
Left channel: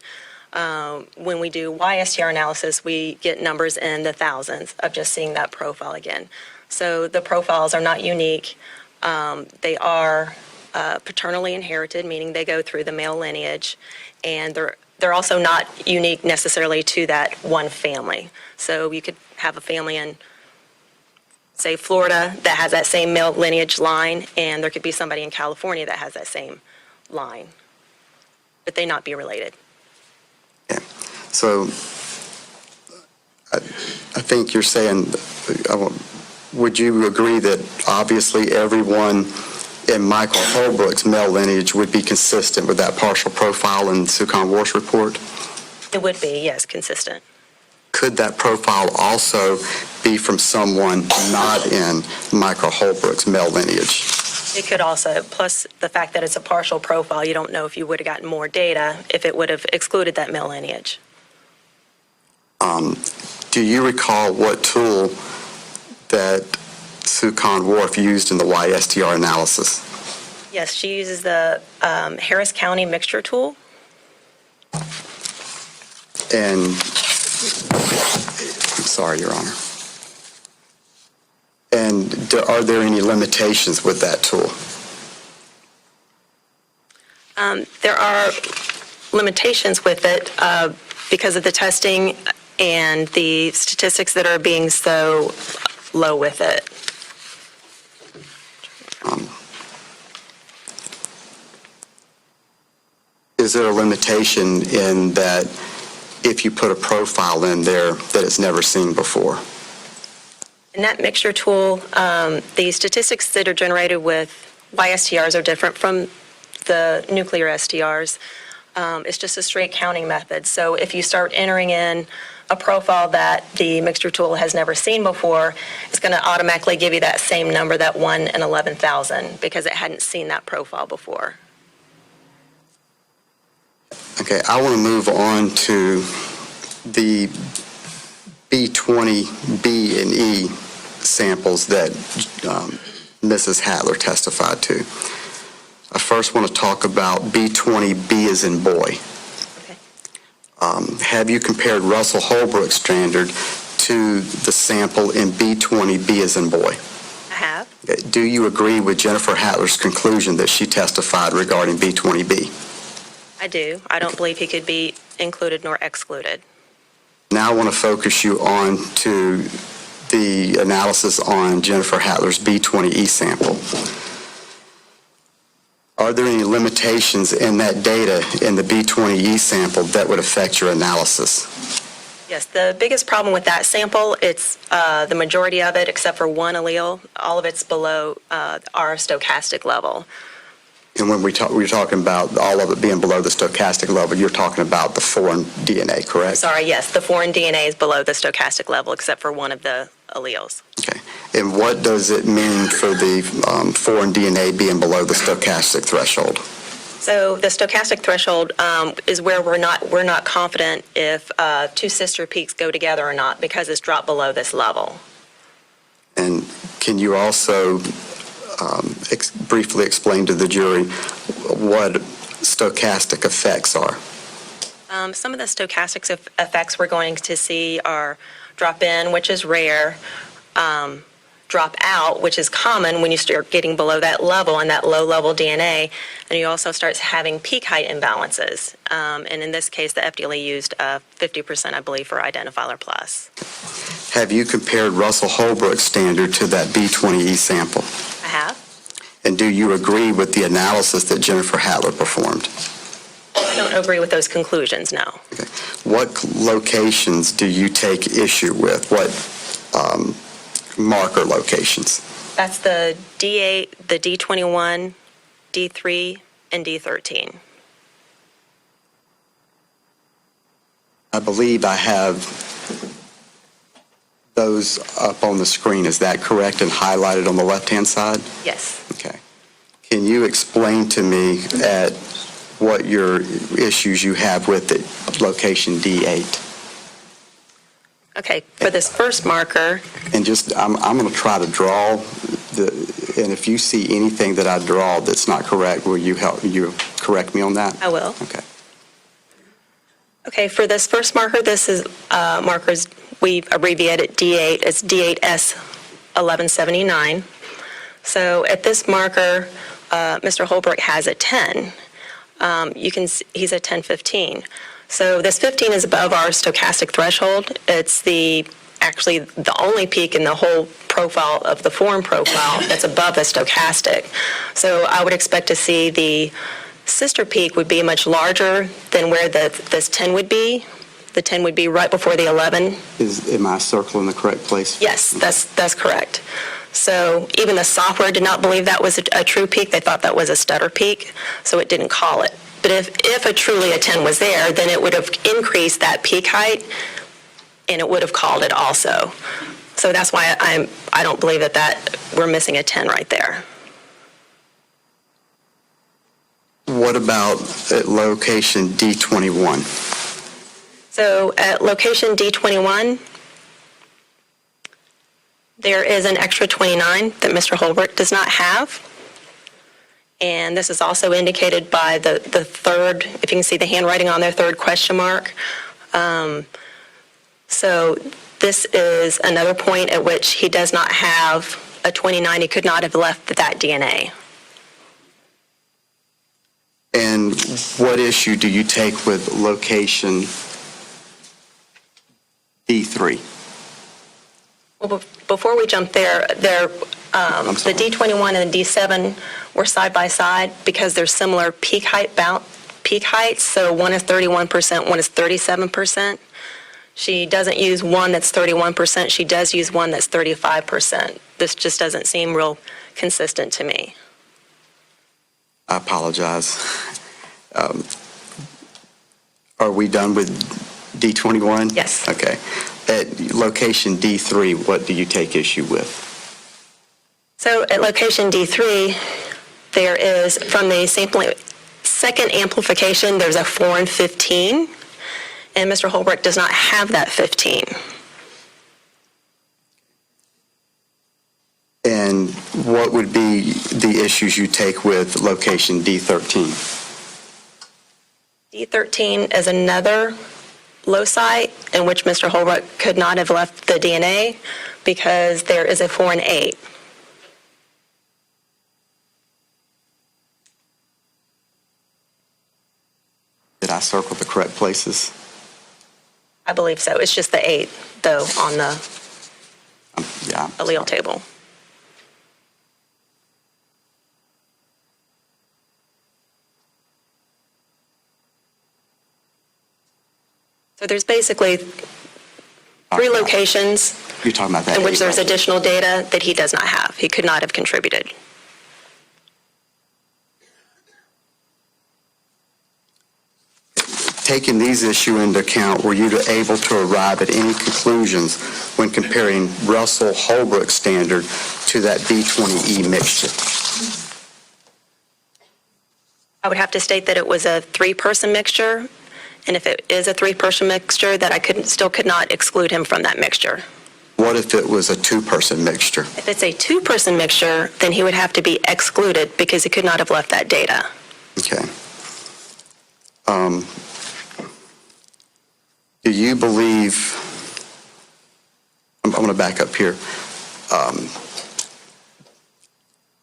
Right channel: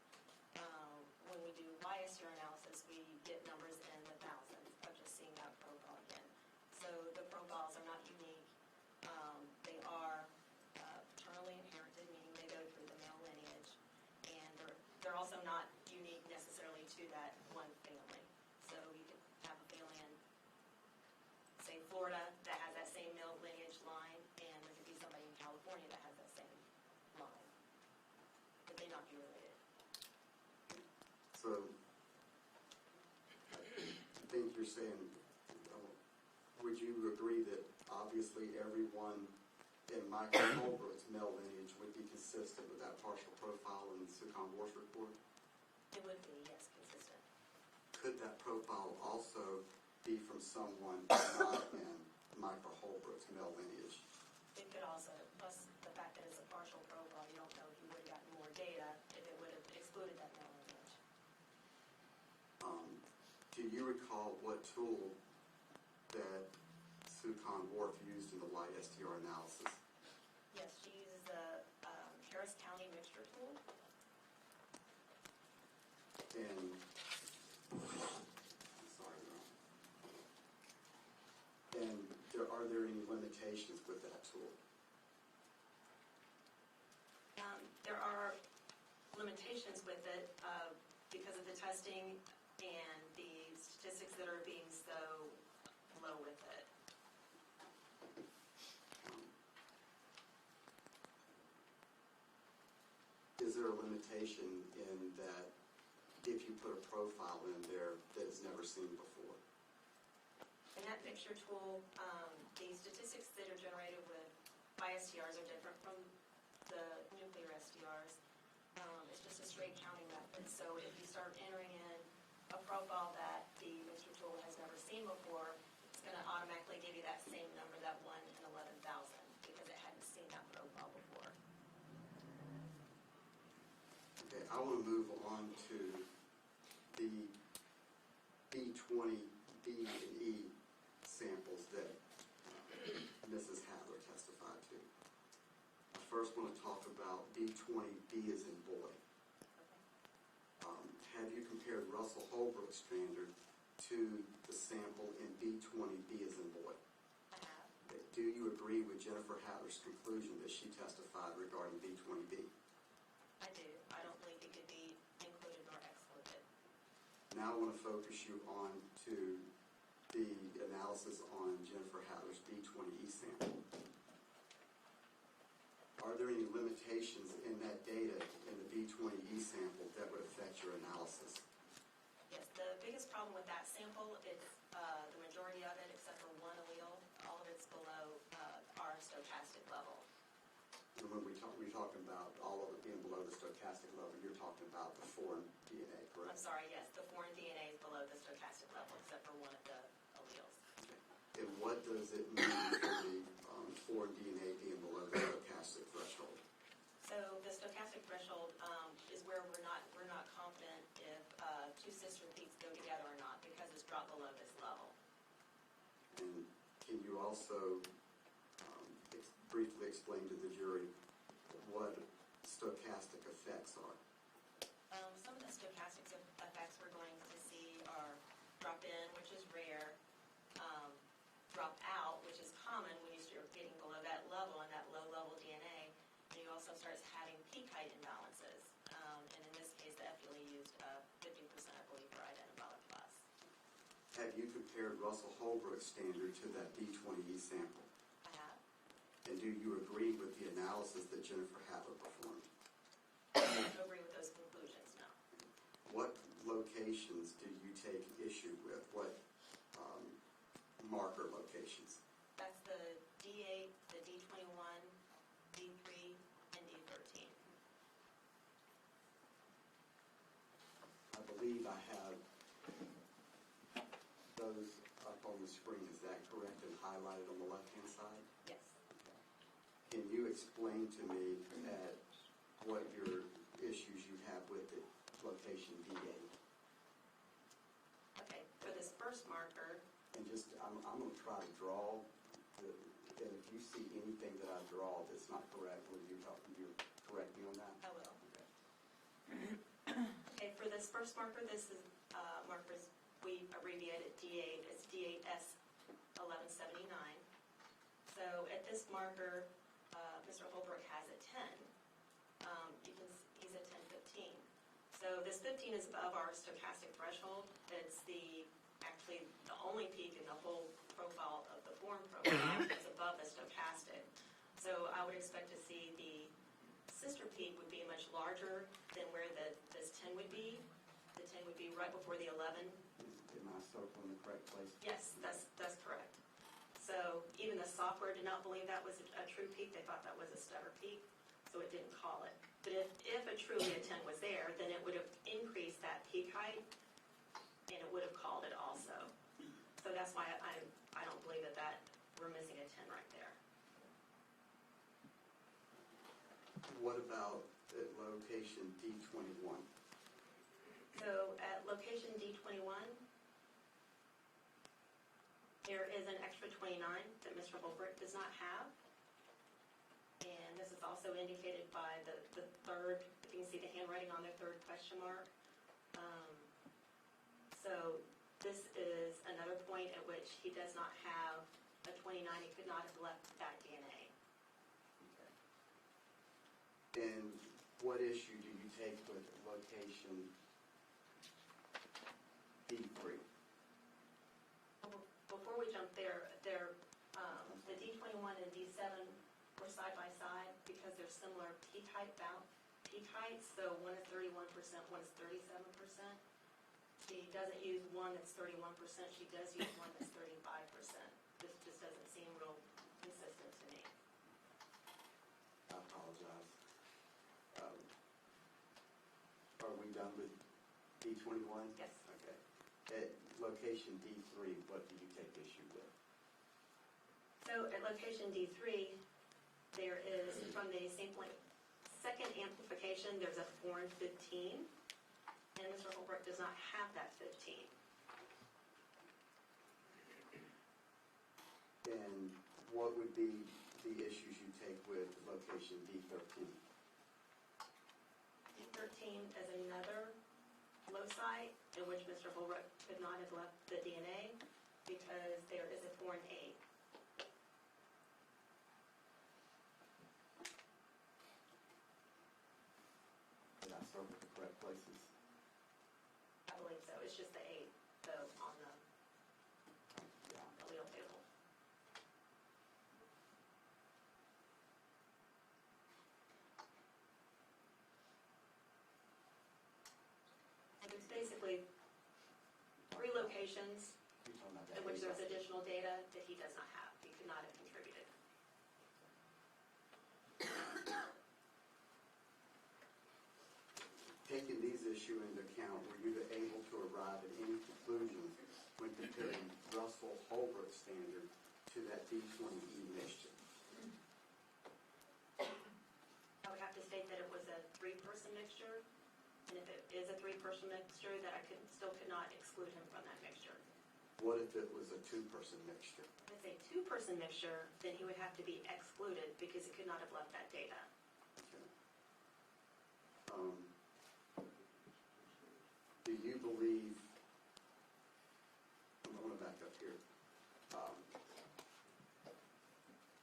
When we do YSTR analysis, we get numbers in the thousands of just seeing that profile again. So the profiles are not unique. They are paternally inherited, meaning they go through the male lineage, and they're also not unique necessarily to that one family. So you could have a family in, say, Florida that has that same male lineage line, and there could be somebody in California that has that same line, but they not be related. Yeah. So I think you're saying, would you agree that obviously everyone in Michael Holbrook's male lineage would be consistent with that partial profile in Sucon Wharf's report? It would be, yes, consistent. Could that profile also be from someone not in Michael Holbrook's male lineage? It could also, plus the fact that it's a partial profile, you don't know if you would have gotten more data if it would have excluded that male lineage. Do you recall what tool that Sucon Wharf used in the YSTR analysis? Yes, she uses the Harris County mixture tool. And, I'm sorry, Your Honor. And are there any limitations with that tool? There are limitations with it because of the testing and the statistics that are being so low with it. Is there a limitation in that if you put a profile in there that it's never seen before? In that mixture tool, the statistics that are generated with YSTRs are different from the nuclear STRs. It's just a straight counting method. So if you start entering in a profile that the mixture tool has never seen before, it's going to automatically give you that same number, that 1 in 11,000, because it hadn't seen that profile before. Okay, I want to move on to the B20, B, and E samples that Mrs. Hattler testified to. I first want to talk about B20B as in boy. Okay. Have you compared Russell Holbrook's standard to the sample in B20B as in boy? I have. Do you agree with Jennifer Hattler's conclusion that she testified regarding B20B? I do. I don't believe he could be included nor excluded. Now I want to focus you on to the analysis on Jennifer Hattler's B20E sample. Are there any limitations in that data in the B20E sample that would affect your analysis? Yes, the biggest problem with that sample, it's the majority of it, except for one allele, all of it's below our stochastic level. And when we're talking about all of it being below the stochastic level, you're talking about the foreign DNA, correct? Sorry, yes, the foreign DNA is below the stochastic level, except for one of the alleles. Okay. And what does it mean for the foreign DNA being below the stochastic threshold? So the stochastic threshold is where we're not confident if two sister peaks go together or not, because it's dropped below this level. And can you also briefly explain to the jury what stochastic effects are? Some of the stochastic effects we're going to see are drop in, which is rare, drop out, which is common when you start getting below that level and that low-level DNA, and you also start having peak height imbalances. And in this case, the FDA used 50%, I believe, for identifier plus. Have you compared Russell Holbrook's standard to that B20E sample? I have. And do you agree with the analysis that Jennifer Hattler performed? I don't agree with those conclusions, no. Okay. What locations do you take issue with? What marker locations? That's the D8, the D21, D3, and D13. I believe I have those up on the screen. Is that correct, and highlighted on the left-hand side? Yes. Okay. Can you explain to me at what your issues you have with the location D8? Okay, for this first marker, And just, I'm going to try to draw, and if you see anything that I draw that's not correct, will you correct me on that? I will. Okay. Okay, for this first marker, this is markers, we abbreviated D8 as D8S 1179. So at this marker, Mr. Holbrook has a 10. You can see he's at 1015. So this 15 is above our stochastic threshold. It's actually the only peak in the whole profile of the foreign profile that's above the stochastic. So I would expect to see the sister peak would be much larger than where this 10 would be. The 10 would be right before the 11. Am I circling the correct place? Yes, that's correct. So even the software did not believe that was a true peak. They thought that was a stutter peak, so it didn't call it. But if truly a 10 was there, then it would have increased that peak height, and it would have called it also. So that's why I don't believe that we're missing a 10 right there. What about at location D21? So at location D21, there is an extra 29 that Mr. Holbrook does not have. And this is also indicated by the third, if you can see the handwriting on there, third question mark. So this is another point at which he does not have a 29. He could not have left that DNA. And what issue do you take with location D3? Well, before we jump there, the sorry. D21 and the D7 were side by side because they're similar peak heights. So one is 31%, one is 37%. She doesn't use one that's 31%. She does use one that's 35%. This just doesn't seem real consistent to me. I apologize. Are we done with D21? Yes. Okay. At location D3, what do you take issue with? So at location D3, there is, from the second amplification, there's a foreign 15, and Mr. Holbrook does not have that 15. And And what would be the issues you take with location D13? D13 is another loci in which Mr. Holbrook could not have left the DNA because there is a 4 and 8. Did I circle the correct places? I believe so. It's just the 8, though, on the Yeah. allele table. So there's basically 3 locations You're talking about that. in which there's eight, right? additional data that he does not have. He could not have contributed. Taking these issues into account, were you able to arrive at any conclusions when comparing Russell Holbrook standard to that B20E mixture? I would have to state that it was a 3-person mixture, and if it is a 3-person mixture, that I still could not exclude him from that mixture. What if it was a 2-person mixture? If it's a 2-person mixture, then he would have to be excluded because he could not have left that data. Okay. Do you believe, I'm going to back up here.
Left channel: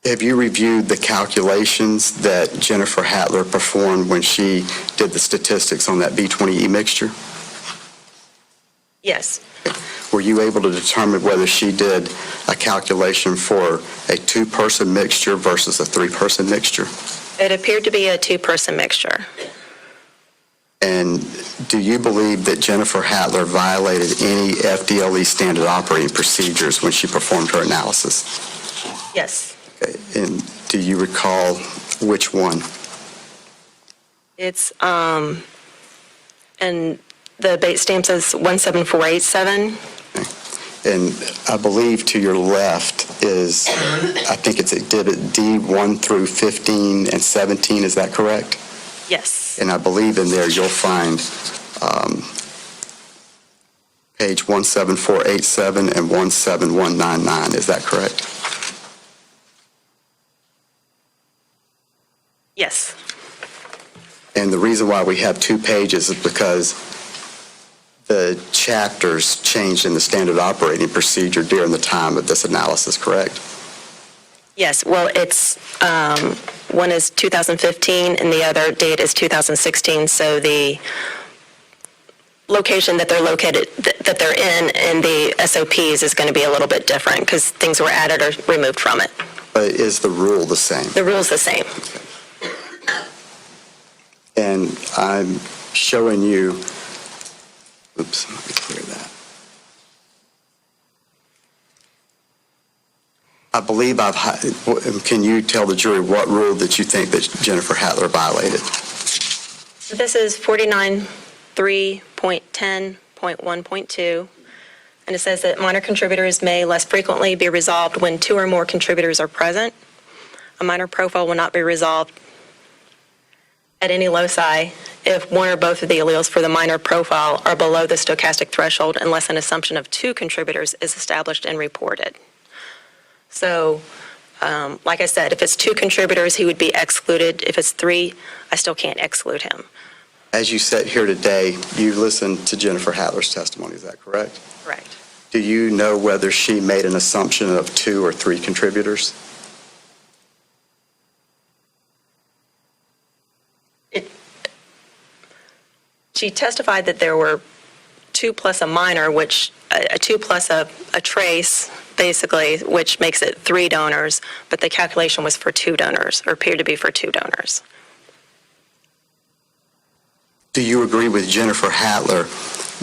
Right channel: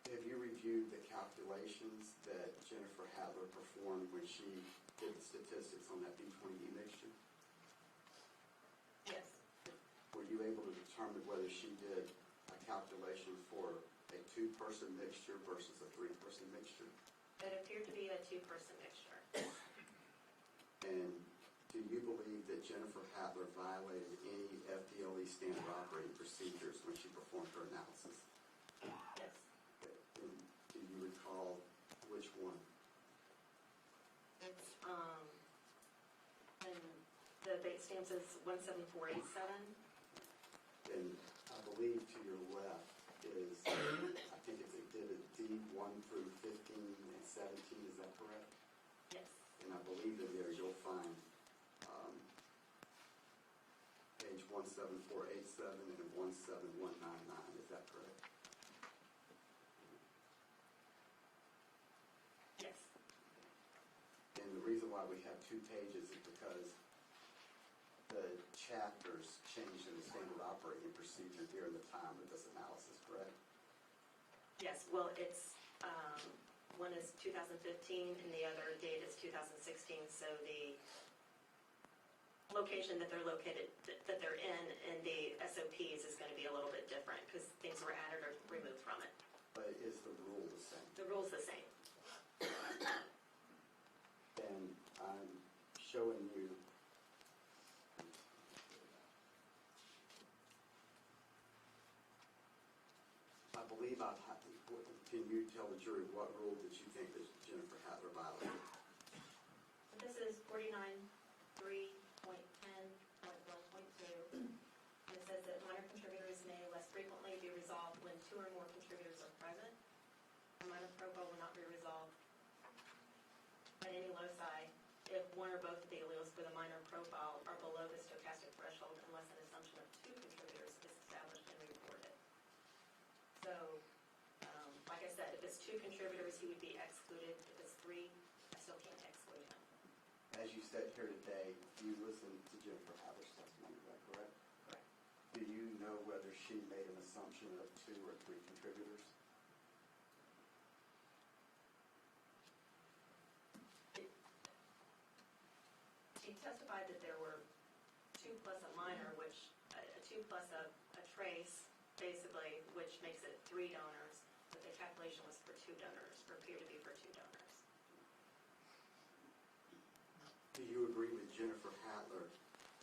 Have you reviewed the calculations that Jennifer Hattler performed when she did the statistics on that B20E mixture? Yes. Were you able to determine whether she did a calculation for a 2-person mixture versus a 3-person mixture? It appeared to be a 2-person mixture. And do you believe that Jennifer Hattler violated any FDLE standard operating procedures when she performed her analysis? Yes. Okay. And do you recall which one? It's, and the bait stamp says 17487. And I believe to your left is, I think it's Exhibit D1 through 15 and 17, is that correct? Yes. And I believe in there you'll find page 17487 and 17199, is that correct? Yes. And the reason why we have 2 pages is because the chapters changed in the standard operating procedure during the time of this analysis, correct? Yes. Well, it's, one is 2015 and the other date is 2016. So the location that they're located, that they're in the SOPs is going to be a little bit different because things were added or removed from it. But is the rule the same? The rule's the same. And I'm showing you, oops, let me clear that. I believe can you tell the jury what rule that you think that Jennifer Hattler violated? This is 49.3.10.1.2, and it says that minor contributors may less frequently be resolved when 2 or more contributors are present. A minor profile will not be resolved at any loci if 1 or both of the alleles for the minor profile are below the stochastic threshold unless an assumption of 2 contributors is established and reported. So, like I said, if it's 2 contributors, he would be excluded. If it's 3, I still can't exclude him. As you sit here today, you listened to Jennifer Hattler's testimony, is that correct? Correct. Do you know whether she made an assumption of 2 or 3 contributors? She testified that there were 2 plus a minor, which a 2 plus a trace, basically, which makes it 3 donors, but the calculation was for 2 donors, or appeared to be for 2 donors. Do you agree with Jennifer Hattler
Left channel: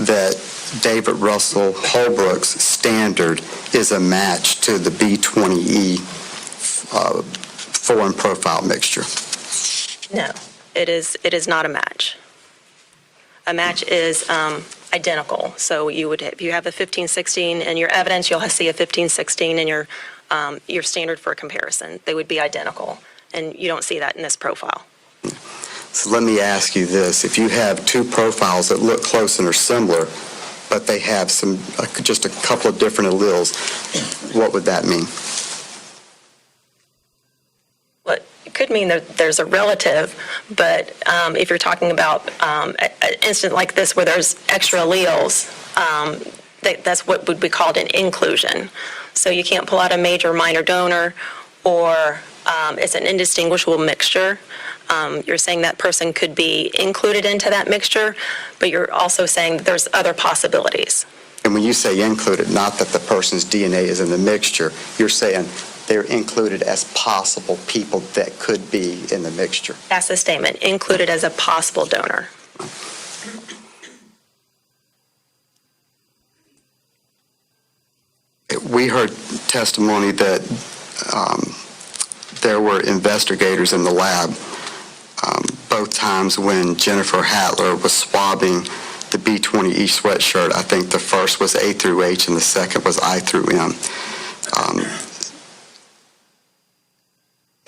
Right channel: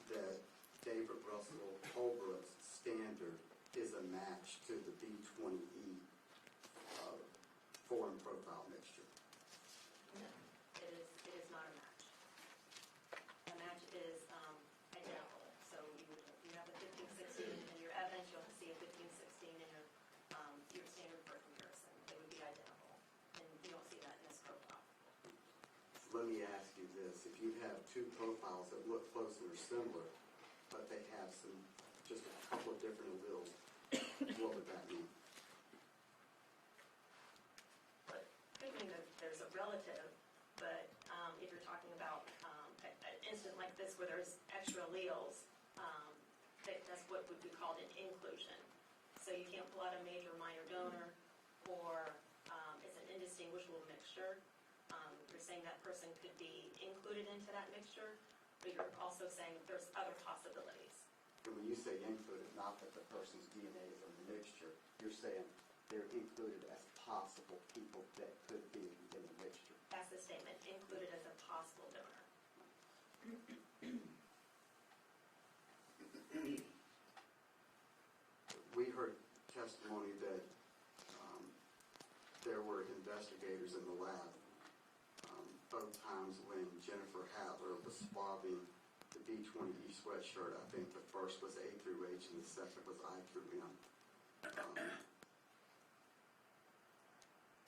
that David Russell Holbrook's standard is a match to the B20E foreign profile mixture? No, it is not a match. A match is identical. So you would, if you have a 1516 in your evidence, you'll see a 1516 in your standard for comparison. They would be identical, and you don't see that in this profile. So let me ask you this. If you have 2 profiles that look close and are similar, but they have just a couple of different alleles, what would that mean? could mean that there's a relative, but if you're talking about an instance like this where there's extra alleles, that's what would be called an inclusion. So you can't pull out a major or minor donor, or it's an indistinguishable mixture. You're saying that person could be included into that mixture, but you're also saying that there's other possibilities. And when you say included, not that the person's DNA is in the mixture, you're saying they're included as possible people that could be in the mixture. That's the statement, included as a possible donor. We heard testimony that there were investigators in the lab both times when Jennifer Hattler was swabbing the B20E sweatshirt. I think the first was A through H and the second was I through M.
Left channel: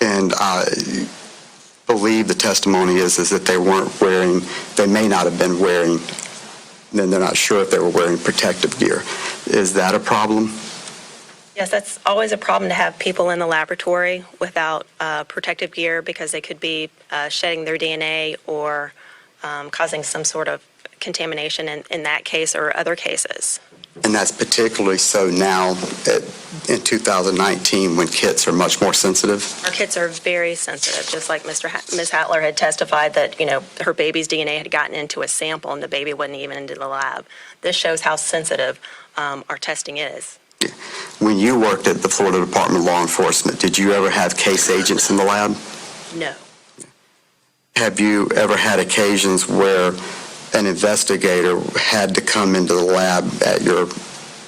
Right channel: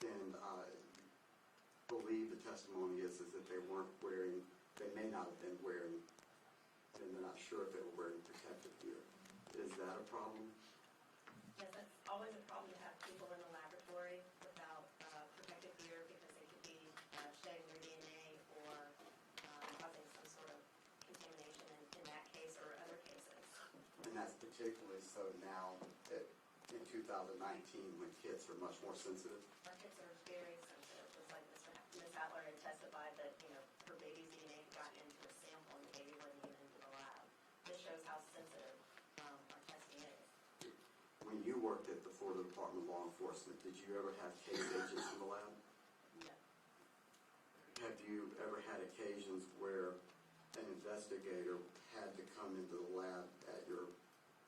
And I believe the testimony is that they weren't wearing, they may not have been wearing, then they're not sure if they were wearing protective gear. Is that a problem? Yes, that's always a problem to have people in the laboratory without protective gear, because they could be shedding their DNA or causing some sort of contamination in that case or other cases. And that's particularly so now in 2019 when kits are much more sensitive? Our kits are very sensitive, just like Ms. Hattler had testified that, her baby's DNA had gotten into a sample and the baby wasn't even into the lab. This shows how sensitive our testing is. When you worked at the Florida Department of Law Enforcement, did you ever have case agents in the lab? No. Have you ever had occasions where an investigator had to come into the lab at your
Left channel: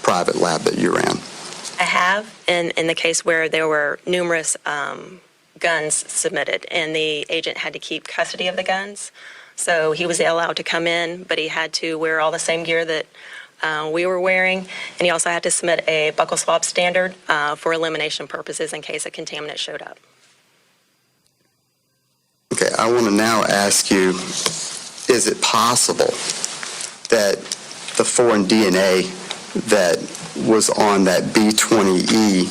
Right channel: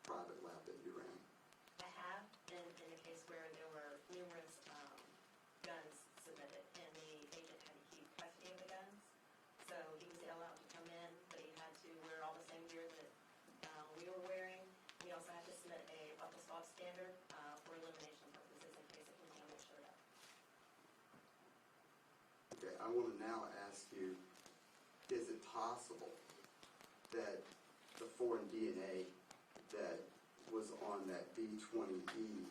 private lab that you ran? I have, in the case where there were numerous guns submitted, and the agent had to keep custody of the guns. So he was allowed to come in, but he had to wear all the same gear that we were wearing, and he also had to submit a buccal swab standard for elimination purposes in case a contaminant showed up. Okay, I want to now ask you, is it possible that the foreign DNA that was on that B20E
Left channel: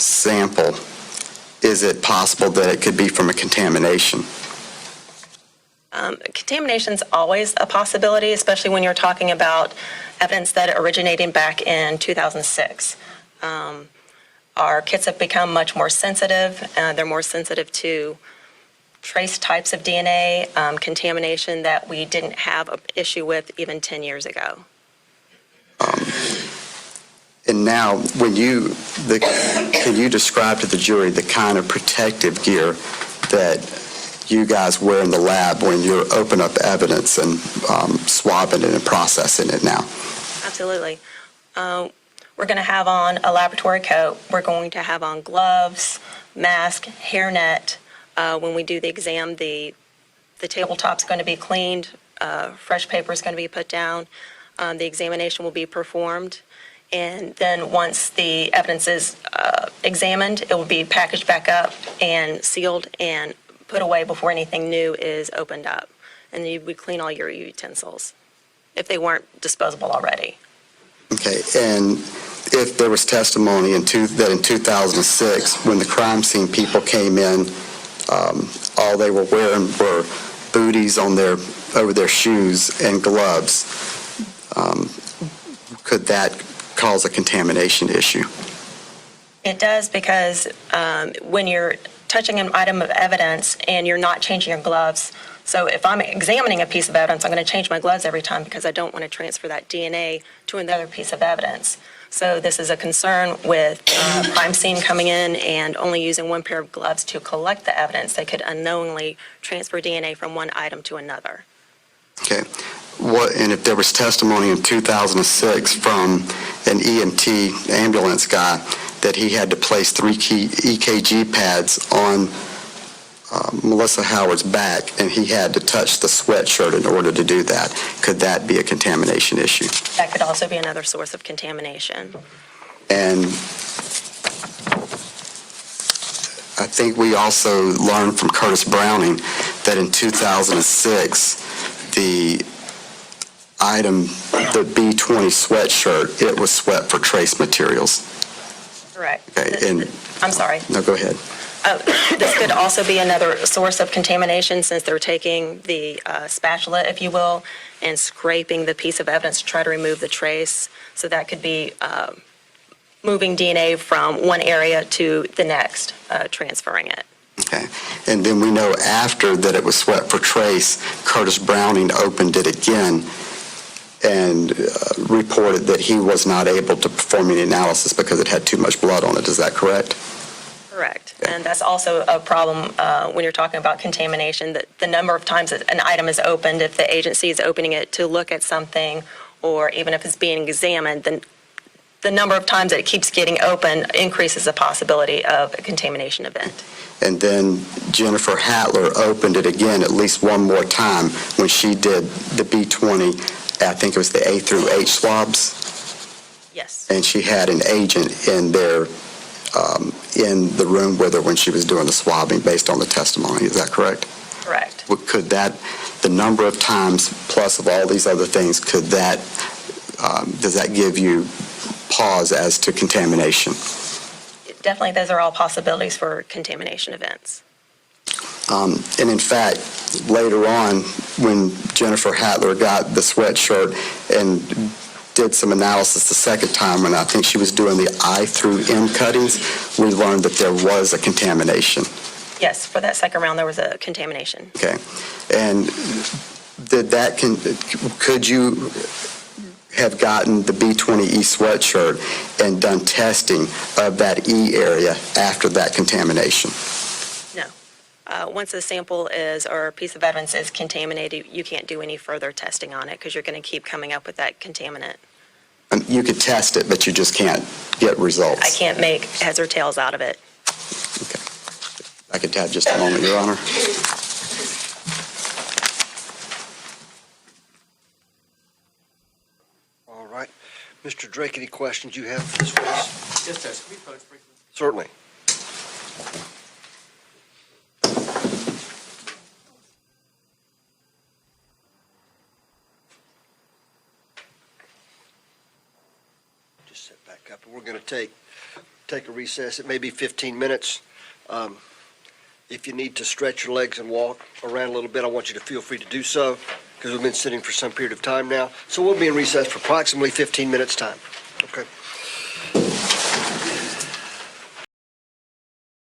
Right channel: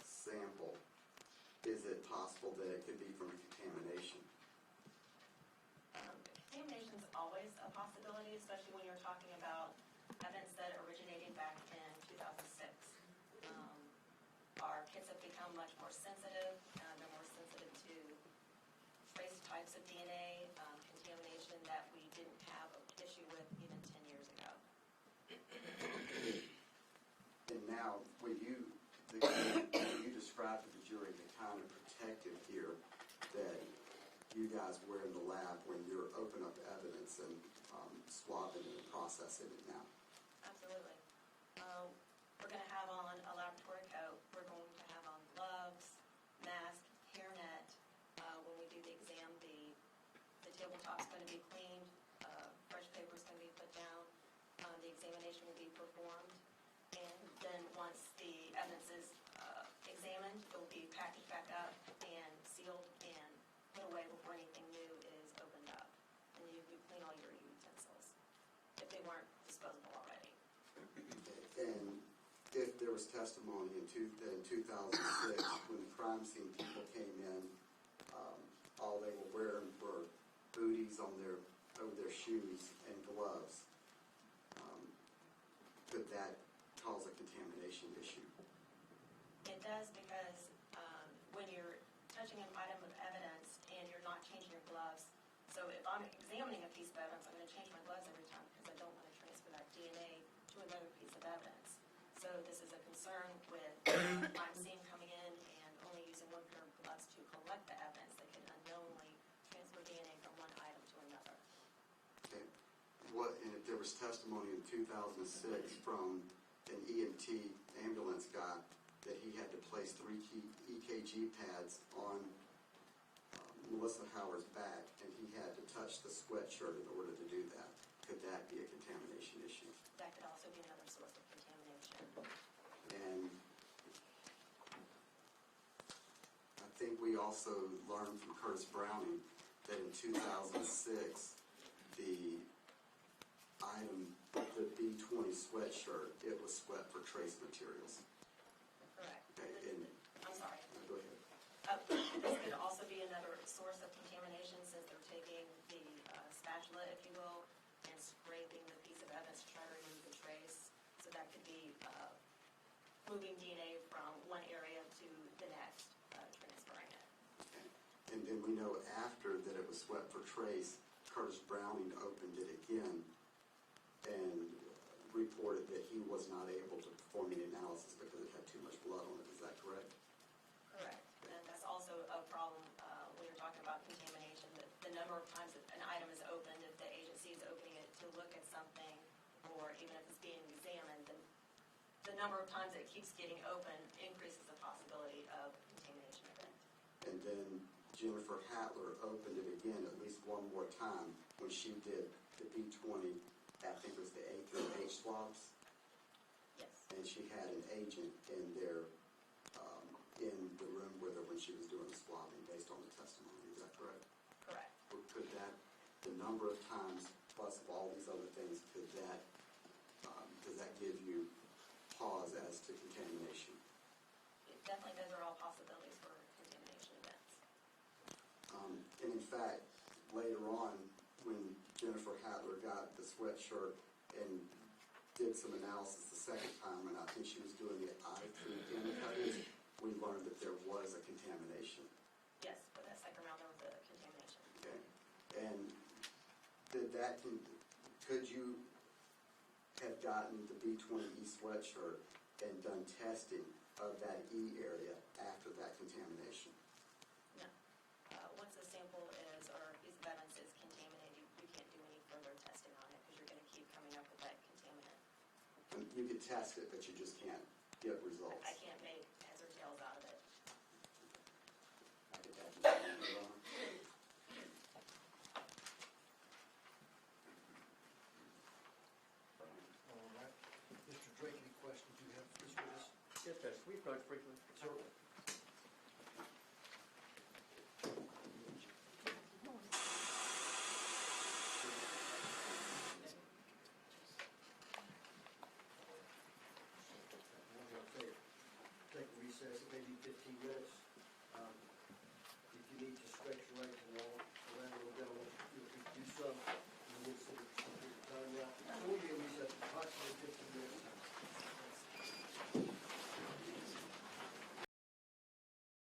sample, is it possible that it could be from a contamination? Contamination's always a possibility, especially when you're talking about evidence that originating back in 2006. Our kits have become much more sensitive. They're more sensitive to trace types of DNA, contamination that we didn't have an issue with even 10 years ago. And now, can you describe to the jury the kind of protective gear that you guys wear in the lab when you open up evidence and swabbing it and processing it now? Absolutely. We're going to have on a laboratory coat. We're going to have on gloves, mask, hairnet. When we do the exam, the tabletop's going to be cleaned. Fresh paper is going to be put down. The examination will be performed. And then once the evidence is examined, it will be packaged back up and sealed and put away before anything new is opened up. And you would clean all your utensils if they weren't disposable already. Okay, and if there was testimony that in 2006, when the crime scene people came in, all they were wearing were booties over their shoes and gloves, could that cause a contamination issue? It does, because when you're touching an item of evidence and you're not changing your gloves, so if I'm examining a piece of evidence, I'm going to change my gloves every time because I don't want to transfer that DNA to another piece of evidence. So this is a concern with crime scene coming in and only using one pair of gloves to collect the evidence. They could unknowingly transfer DNA from one item to another. Okay. And if there was testimony in 2006 from an EMT ambulance guy that he had to place 3 EKG pads on Melissa Howard's back and he had to touch the sweatshirt in order to do that, could that be a contamination issue? That could also be another source of contamination. And I think we also learned from Curtis Browning that in 2006, the item, the B20 sweatshirt, it was swept for trace materials. Correct. Okay, and I'm sorry. no, go ahead. This could also be another source of contamination since they're taking the spatula, if you will, and scraping the piece of evidence to try to remove the trace. So that could be moving DNA from one area to the next, transferring it. Okay. And then we know after that it was swept for trace, Curtis Browning opened it again and reported that he was not able to perform any analysis because it had too much blood on it. Is that correct? Correct. And that's also a problem when you're talking about contamination, that the number of times that an item is opened, if the agency is opening it to look at something, or even if it's being examined, then the number of times that it keeps getting open increases the possibility of a contamination event. And then Jennifer Hattler opened it again at least one more time when she did the B20, I think it was the A through H swabs, Yes. and she had an agent in there in the room with her when she was doing the swabbing based on the testimony. Is that correct? Correct. Could that, the number of times plus of all these other things, could that, does that give you pause as to contamination? Definitely, those are all possibilities for contamination events. And in fact, later on, when Jennifer Hattler got the sweatshirt and did some analysis the second time, and I think she was doing the I through M cuttings, we learned that there was a contamination. Yes, for that second round, there was a contamination. Okay. And did that, could you have gotten the B20E sweatshirt and done testing of that E area after that contamination? No. Once a sample is, or a piece of evidence is contaminated, you can't do any further testing on it because you're going to keep coming up with that contaminant. You could test it, but you just can't get results. I can't make heads or tails out of it. Okay. I could have just a moment, Your Honor. All right. Mr. Drake, any questions you have for this witness? Yes, Judge. Can we pose briefly? Certainly. Just sit back up. We're going to take a recess. It may be 15 minutes. If you need to stretch your legs and walk around a little bit, I want you to feel free to do so because we've been sitting for some period of time now. So we'll be in recess for approximately 15 minutes' time. Okay.